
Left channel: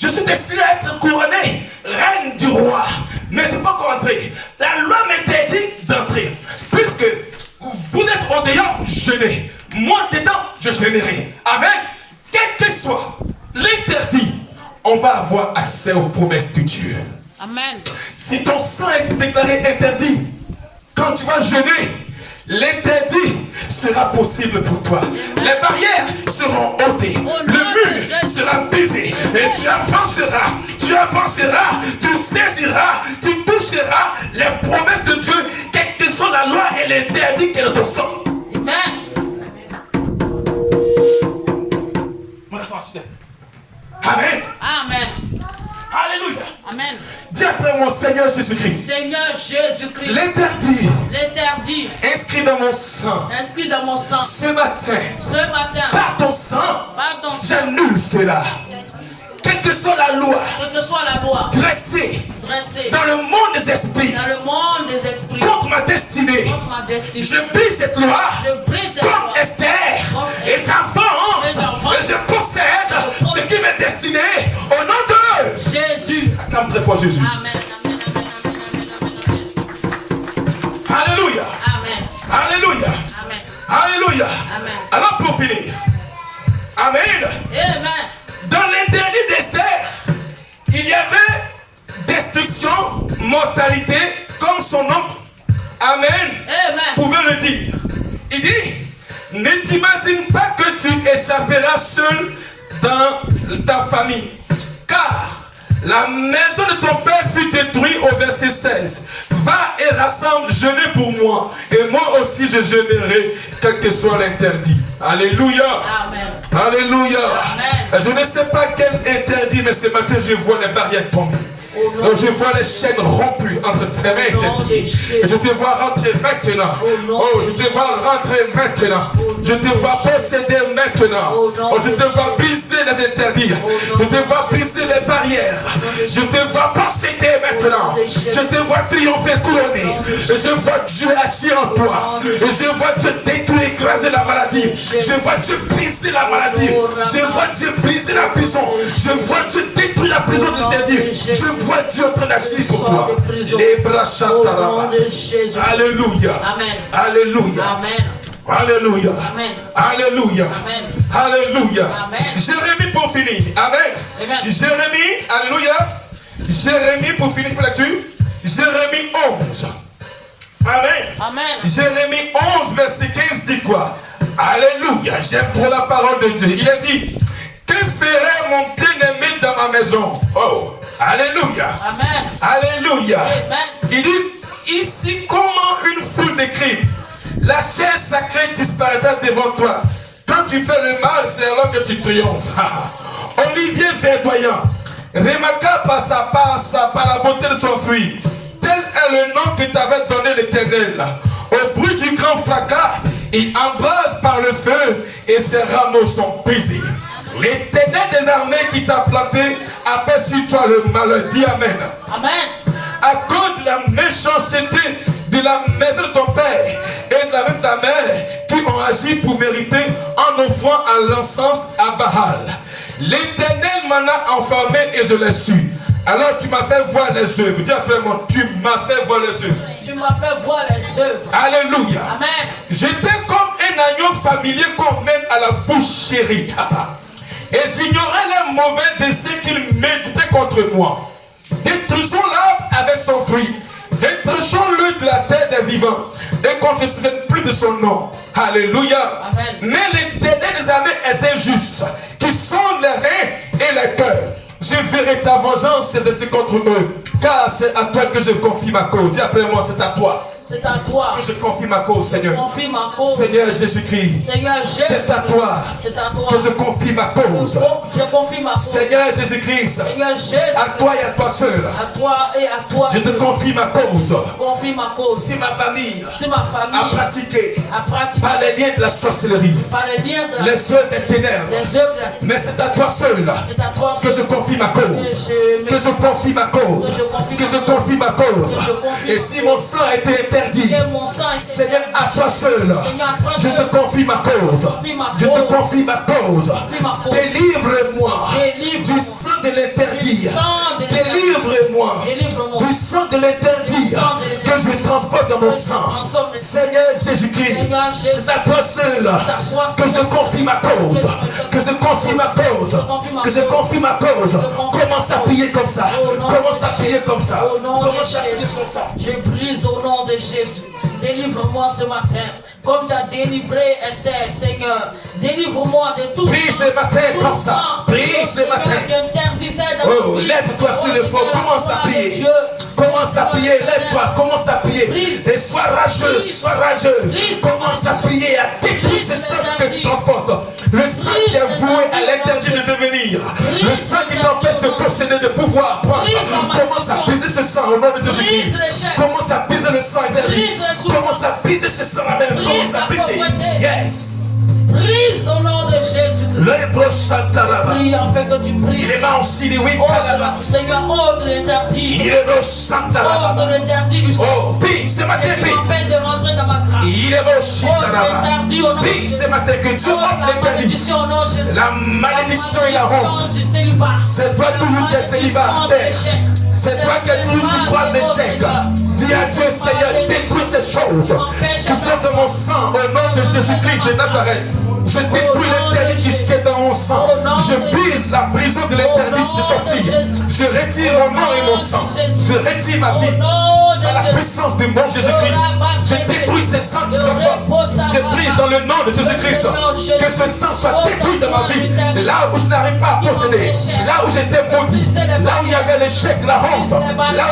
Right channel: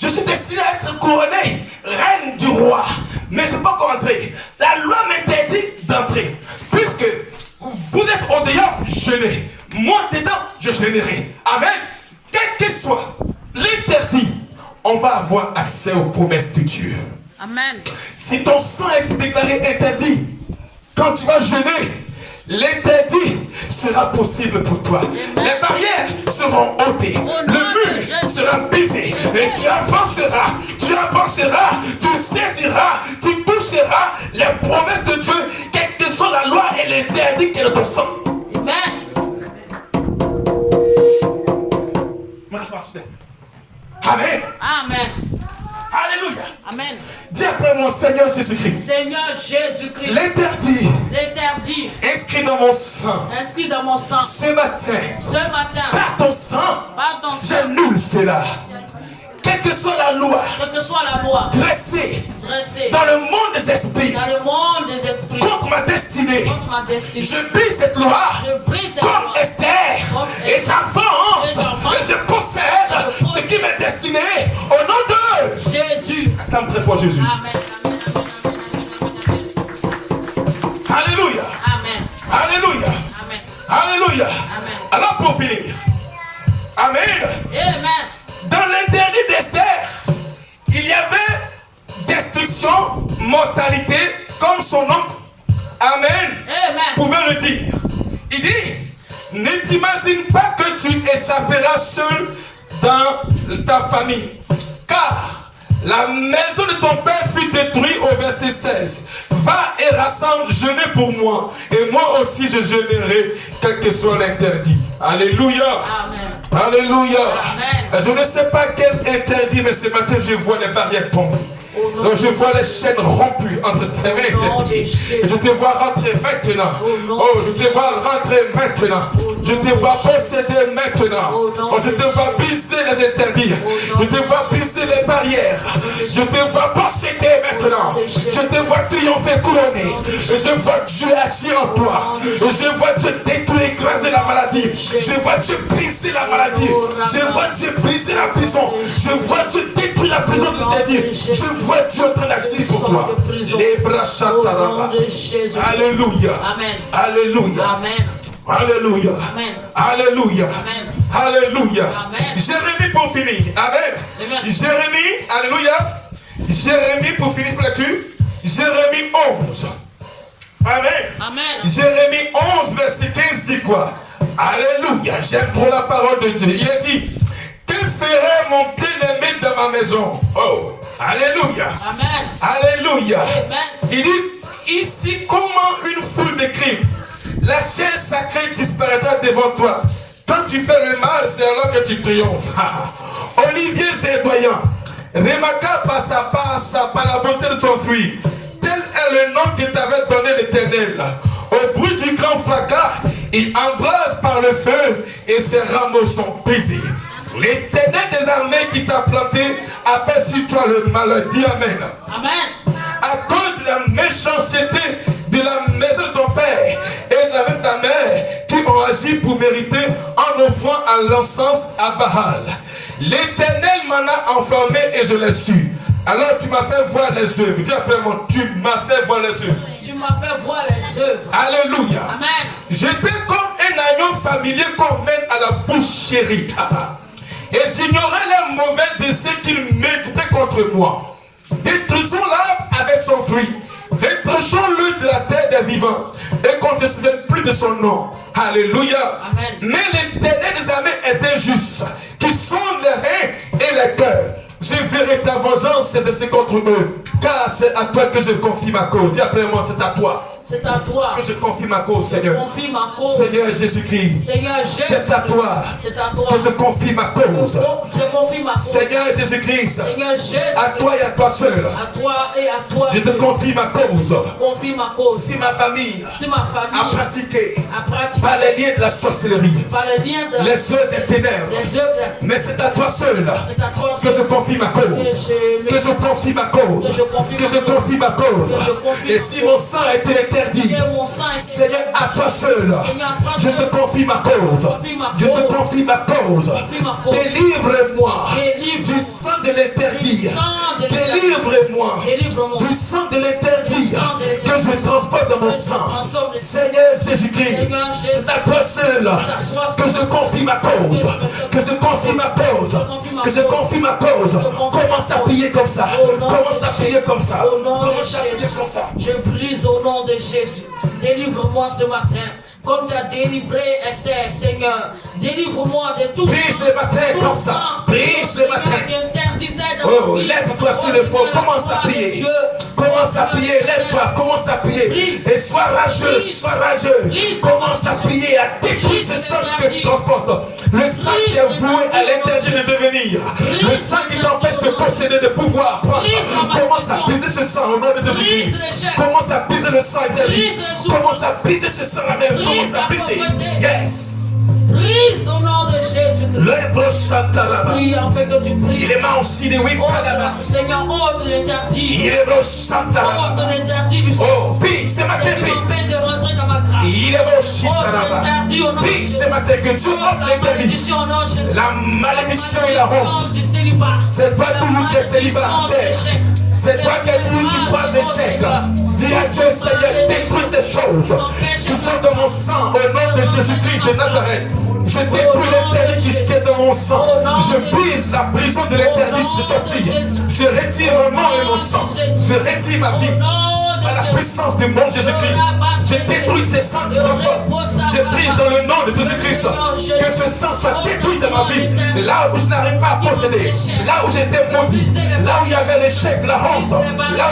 Je suis destiné à être couronné reine du roi, mais je ne suis pas encore entré. La loi m'interdit d'entrer. Puisque vous êtes au dehors, jeûnez. Moi dedans, je jeûnerai. Amen. Quel que soit l'interdit, on va avoir accès aux promesses de Dieu. Amen. Si ton sang est déclaré interdit, quand tu vas jeûner, l'interdit sera possible pour toi. Les barrières seront ôtées. Le mur sera brisé. Et tu avanceras, tu saisiras, tu toucheras les promesses de Dieu, quelle que soit la loi et l'interdit qui est dans ton sang. Amen. Amen. Amen. Alléluia. Amen. Dis après mon Seigneur Jésus-Christ. Seigneur Jésus-Christ. L'interdit inscrit dans mon sang. Inscrit dans mon sang. Ce matin. Par ton sang. J'annule cela. Quelle que soit la loi. Dressée. Dans le monde des esprits. Contre ma destinée. Je brise cette loi. Comme Esther. Et j'avance. Et je possède ce qui m'est destiné. Au nom de Jésus. Acclame très fort Jésus. Amen. Alléluia. Amen. Alléluia. Amen. Alléluia. Amen. Alors pour finir. Amen. Amen. Dans l'interdit d'Esther, il y avait destruction, mortalité, comme son oncle. Amen. Amen. Pouvait le dire. Il dit, ne t'imagine pas que tu échapperas seul dans ta famille. Car la maison de ton père fut détruite au verset 16. Va et rassemble, jeûnez pour moi. Et moi aussi je jeûnerai, quel que soit l'interdit. Alléluia. Amen. Alléluia. Amen. Je ne sais pas quel interdit, mais ce matin je vois les barrières tomber. Donc je vois les chaînes rompues entre tes mains et tes pieds. Je te vois rentrer maintenant. Oh, je te vois rentrer maintenant. Je te vois posséder maintenant. Oh, je te vois briser les interdits. Je te vois briser les barrières. Je te vois posséder maintenant. Je te vois triompher couronné. Et je vois Dieu agir en toi. Et je vois Dieu détruire, écraser la maladie. Je vois Dieu briser la maladie. Je vois Dieu briser la prison. Je vois Dieu détruire la prison de l'interdit. Je vois Dieu en train d'agir pour toi. Les bras chantarabas. Alléluia. Amen. Alléluia. Amen. Alléluia. Amen. Alléluia. Amen. Alléluia. Amen. Jérémie pour finir. Amen. Amen. Jérémie. Alléluia. Jérémie pour finir pour lecture. Jérémie 11. Amen. Amen. Jérémie 11 verset 15 dit quoi? Alléluia. J'aime trop la parole de Dieu. Il a dit, que ferait mon bien-aimé dans ma maison? Oh, alléluia. Amen. Alléluia. Amen. Il dit, ici comment une foule de crimes. La chair sacrée disparaîtra devant toi. Quand tu fais le mal, c'est alors que tu triomphes. Olivier verdoyant, remarquable par la beauté de son fruit. Tel est le nom que t'avait donné l'Éternel. Au bruit du grand fracas, il embrase par le feu et ses rameaux sont brisés. L'Éternel des armées qui t'a planté appelle sur toi le malheur. Dis Amen. Amen. À cause de la méchanceté de la maison de ton père et de la maison de ta mère qui ont agi pour mériter en offrant à l'encens à Baal. L'Éternel m'en a enfermé et je l'ai su. Alors tu m'as fait voir les œuvres. Dis après moi, tu m'as fait voir les œuvres. Tu m'as fait voir les œuvres. Alléluia. Amen. J'étais comme un agneau familier qu'on mène à la boucherie. Et j'ignorais les mauvais desseins qu'il méditait contre moi. Détruisons l'arbre avec son fruit. Reprochons-le de la terre des vivants. Et qu'on ne se souvienne plus de son nom. Alléluia. Amen. Mais l'Éternel des armées est injuste, qui sonde les reins et les cœurs. Je verrai ta vengeance s'exercer contre eux. Car c'est à toi que je confie ma cause. Dis après moi, c'est à toi. C'est à toi Que je confie ma cause, Seigneur. confie ma cause. Seigneur Jésus-Christ. Seigneur Jésus. C'est à toi. C'est à toi Que je confie ma cause. Je confie ma cause. Seigneur Jésus-Christ. Seigneur Jésus. À toi et à toi seul. À toi et à toi. Je te confie ma cause. Confie ma cause. Si ma famille Si ma famille a pratiqué a pratiqué par les liens de la sorcellerie, par les liens de les œuvres des ténèbres, les œuvres de mais c'est à toi seul c'est à toi que je confie ma cause. Que je confie ma cause. Que je confie ma cause. Et si mon sang a été interdit, Seigneur, à toi seul, je te confie ma cause. Je te confie ma cause. Délivre-moi du sang de l'interdit. Délivre-moi du sang de l'interdit. Que je transporte dans mon sang. Seigneur Jésus-Christ, c'est à toi seul que je confie ma cause. Que je confie ma cause. Que je confie ma cause. Commence à prier comme ça. Commence à prier comme ça. Commence à prier comme ça. Je brise au nom de Jésus. Délivre-moi ce matin. Comme tu as délivré Esther, Seigneur. Délivre-moi de tout. Prie ce matin comme ça. Prie ce matin. Oh, lève-toi sur le fond. Commence à prier. Commence à prier, lève-toi, commence à prier. Et sois rageux, sois rageux. Commence à prier, à détruire ce sang que tu transportes. Le sang qui est voué à l'interdit de devenir. Le sang qui t'empêche de posséder, de pouvoir prendre. Commence à briser ce sang au nom de Jésus-Christ. Commence à briser le sang interdit. Commence à briser ce sang là même. Commence à briser. Yes. Brise au nom de Jésus. Le prochain talaba. Prie afin que tu brise. Il est mort aussi de oui. Seigneur, ôte l'interdit. Il est prochain talaba. Ôte l'interdit du sang. Oh, prie ce matin, qui m'empêche de rentrer dans ma grâce. Il est prochain talaba. Prie ce matin que Dieu ôte l'interdit. La malédiction et la honte. C'est toi toujours qui es célibataire. C'est toi qui es toujours qui crois l'échec. Dis à Dieu, Seigneur, détruis ces choses qui sont dans mon sang au nom de Jésus-Christ de Nazareth. Je détruis l'interdit qui est dans mon sang. Je brise la prison de l'interdit de sortir. Je retire mon nom et mon sang. Je retire ma vie à la puissance du bon Jésus-Christ. Je détruis ces sangs qui transportent. Je prie dans le nom de Jésus-Christ que ce sang soit détruit dans ma vie. Là où je n'arrive pas à posséder, là où j'étais maudit, là où il y avait l'échec, la honte, là où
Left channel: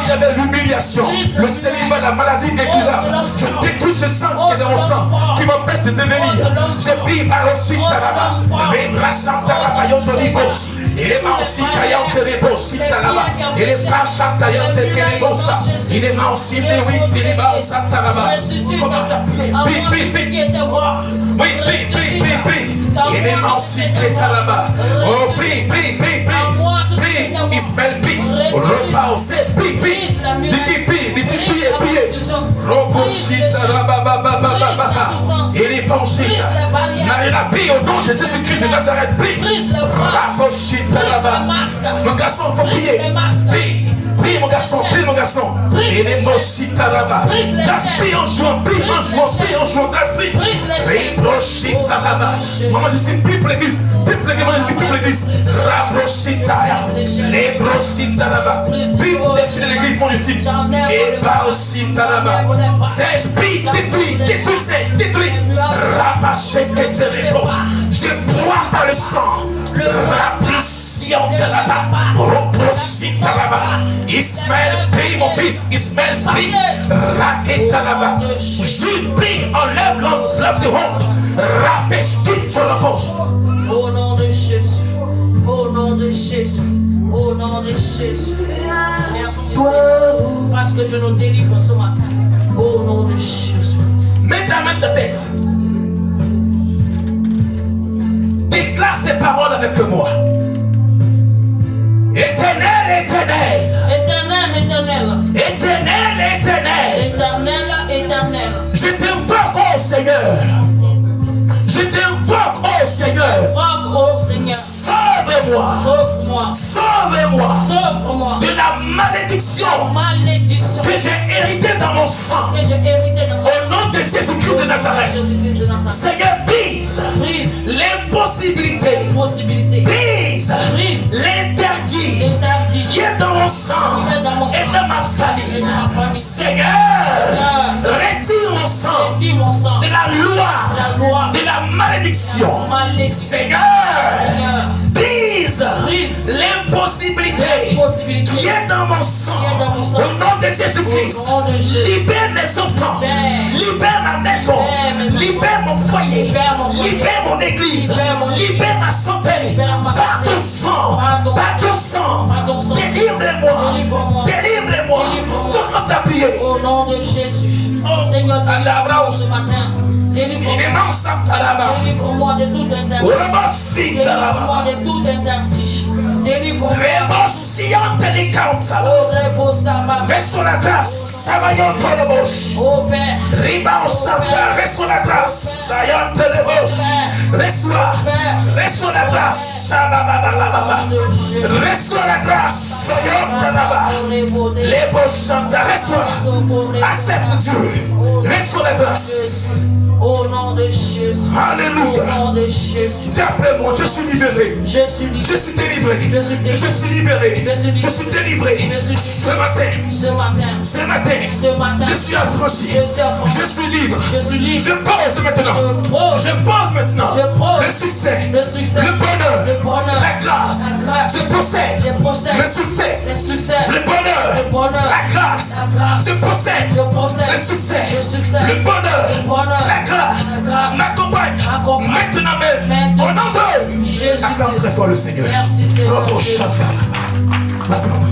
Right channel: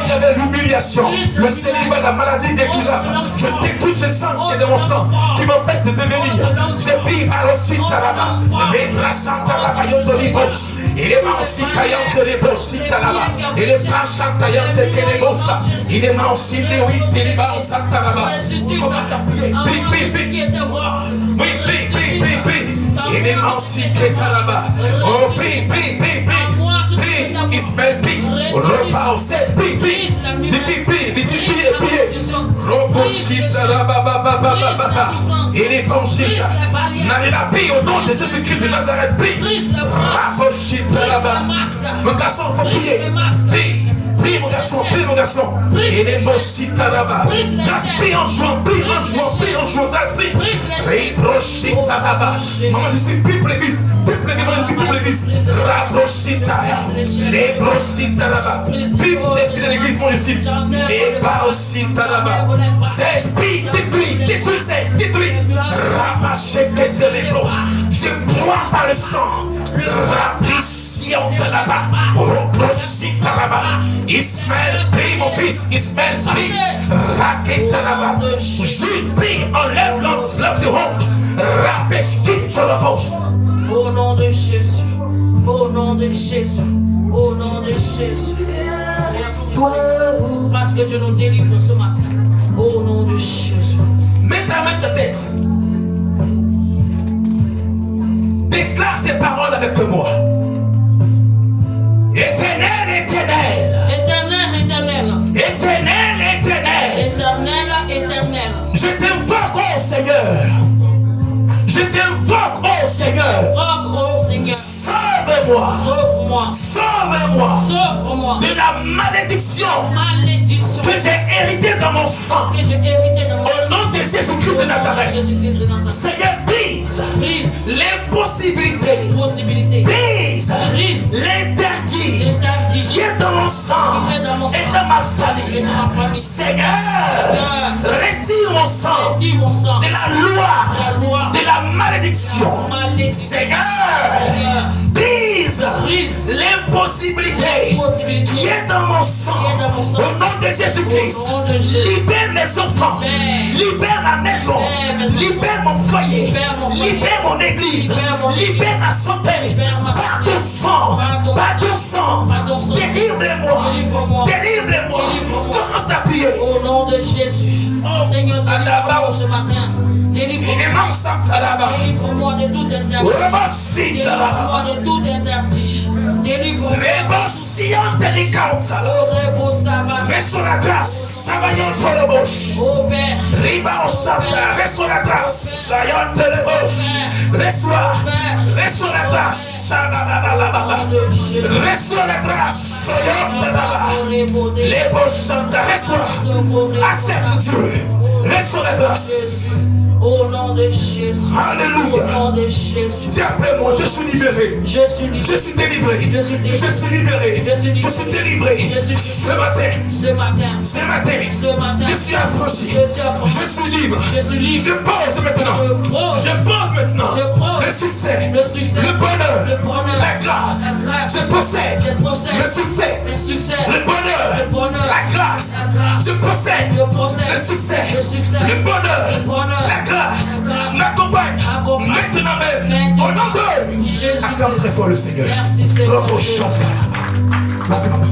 il y avait l'humiliation, le célibat, la maladie incurable. Je détruis ce sang qui est dans mon sang, qui m'empêche de devenir. Je prie à l'ocide Taraba, mais la Santa Yotoli Boshi. Il est aussi taillante les bossi Taraba. Il est pas chantaillante les bossa. Il est aussi les oui, il est pas Santaraba. Commence à prier. Oui. Il est aussi Ketaraba. Oh, prie. Ismaël, prie. Repas au 16, prie. Priez. Il est pensé. Marina, prie au nom de Jésus-Christ de Nazareth, prie. Mon garçon, il faut prier. Prie mon garçon. Il est pensé. Prie en jouant, prie. Maman, je suis plus l'église. Les brochita. Prie pour défiler l'église, mon estime. Les brochita. Détruis. Je bois par le sang. Raplition de là-bas. Ismaël, prie mon fils. Ismaël, prie. Raquetanaba. Jude, prie. Enlève l'enveloppe de honte. Rapèche, quitte sur la bouche. Au nom de Jésus. Merci. Parce que Dieu nous délivre ce matin. Au nom de Jésus. Mets ta main sur ta tête. Déclare ces paroles avec moi. Éternel. Je t'invoque, oh Seigneur. Sauve-moi de la malédiction que j'ai héritée dans mon sang. Au nom de Jésus-Christ de Nazareth. Seigneur, brise l'impossibilité. Brise l'interdit qui est dans mon sang et dans ma famille. Seigneur, retire mon sang de la loi de la malédiction. Seigneur, brise l'impossibilité qui est dans mon sang. Au nom de Jésus-Christ, libère mes enfants, libère ma maison, libère mon foyer, libère mon église, libère ma santé. Par ton sang, délivre-moi. Commence à prier. Au nom de Jésus, Seigneur, délivre-moi ce matin. Délivre-moi de tout interdit. Délivre-moi. Reçois la grâce, Savayon Tolobos. Oh Père. Riba au Santa, reçois la grâce, Sayon Tolobos. Reçois la grâce, Reçois la grâce, Sayon Tolobos. Les Reste-toi. Accepte Dieu. Reste sur la grâce. Au nom de Jésus. Alléluia. Au nom de Jésus. Dis après moi, je suis libéré. Je suis libre. Je suis délivré. Je suis délivré. Je suis libéré. Je suis libre. Je suis délivré. Je suis libre. Ce matin. Ce matin. Ce matin. Ce matin. Je suis affranchi. Je suis affranchi. Je suis libre. Je suis libre. Je pose maintenant. Je pose. Je pose maintenant. Je pose. Le succès. Le succès. Le bonheur. Le bonheur. La grâce. La grâce. Je possède. Je possède. Le succès. Le succès. Le bonheur. Le bonheur. La grâce. La grâce. Je possède. Je possède. Le succès. Le succès. Le bonheur. Le bonheur. La grâce. La grâce. M'accompagne. Accompagne. Maintenant même. Maintenant. Au nom de Jésus. acclame très fort le Seigneur. Merci Seigneur. Vas-y, maman.